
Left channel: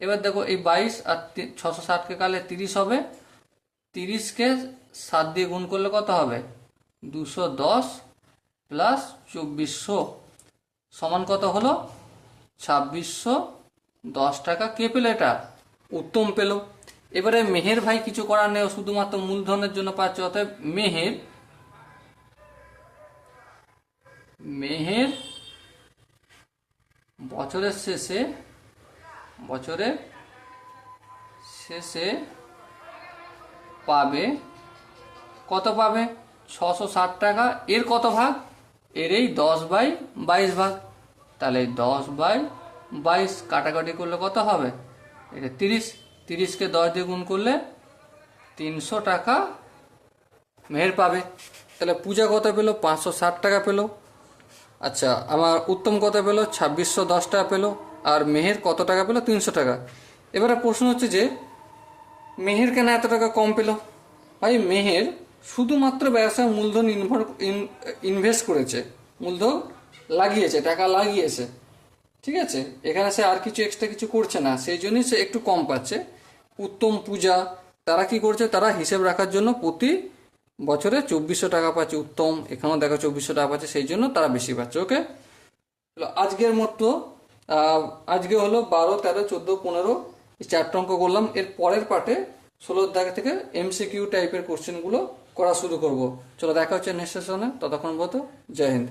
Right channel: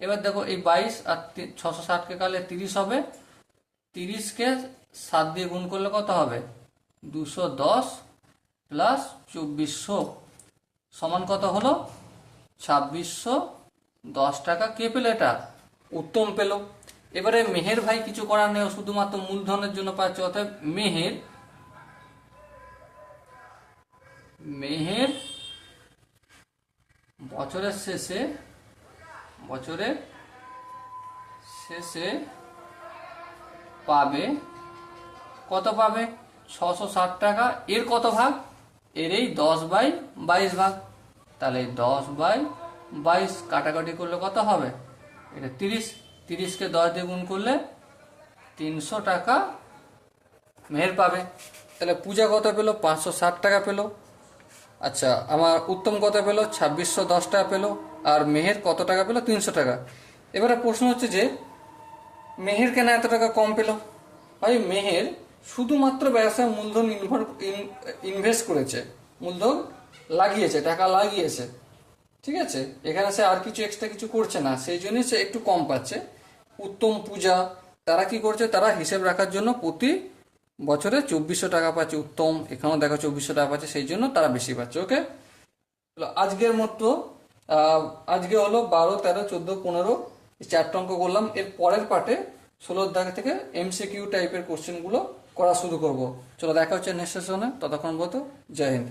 এবার দেখো এই 22 আর 660 কে কাটলে 30 হবে, 30 কে 7 দিয়ে গুণ করলে কত হবে, 210 প্লাস 2400 সমান কত হলো, 2610 টাকা। কে পেল এটা, উত্তম পেল। এবারে মেহের ভাই কিছু করার নেই, শুধুমাত্র মূলধনের জন্য পাচ্ছে, অতএব মেহের বছরের শেষে পাবে কত, পাবে 660 টাকা। এর কত ভাগ, এর এই 10/22 ভাগ। তাহলে 10/22 কাটাকাটি করলে কত হবে, এটা 30, 30 কে 10 দিয়ে গুণ করলে 300 টাকা মেহের পাবে। তাহলে পূজা কত পেল, 560 টাকা পেল। আচ্ছা, আমার উত্তম কত পেল, 2610 টাকা পেল। আর মেহের কত টাকা পেল, 300 টাকা। এবারে প্রশ্ন হচ্ছে যে মেহের কেন এত টাকা কম পেল। ভাই মেহের শুধুমাত্র ব্যবসায় মূলধন ইনভেস্ট করেছে, মূলধন লাগিয়েছে, টাকা লাগিয়েছে, ঠিক আছে, এখানে সে আর কিছু এক্সট্রা কিছু করছে না, সেই জন্য সে একটু কম পাচ্ছে। উত্তম পূজা তারা কি করছে, তারা হিসেব রাখার জন্য প্রতি বছরে 2400 টাকা পাচ্ছে। উত্তম এখানেও দেখো 2400 টাকা পাচ্ছে, সেই জন্য তারা বেশি পাচ্ছে। ওকে, আজকের মতো আজকে হলো 12, 13, 14, 15 এই 4টা অঙ্ক করলাম। এর পরের পার্টে 16 দাগ থেকে এমসিকিউ টাইপের কোশ্চেনগুলো করা শুরু করব। চলো দেখা হচ্ছে নেক্সট সেশনে, ততক্ষণ পর্যন্ত জয় হিন্দ।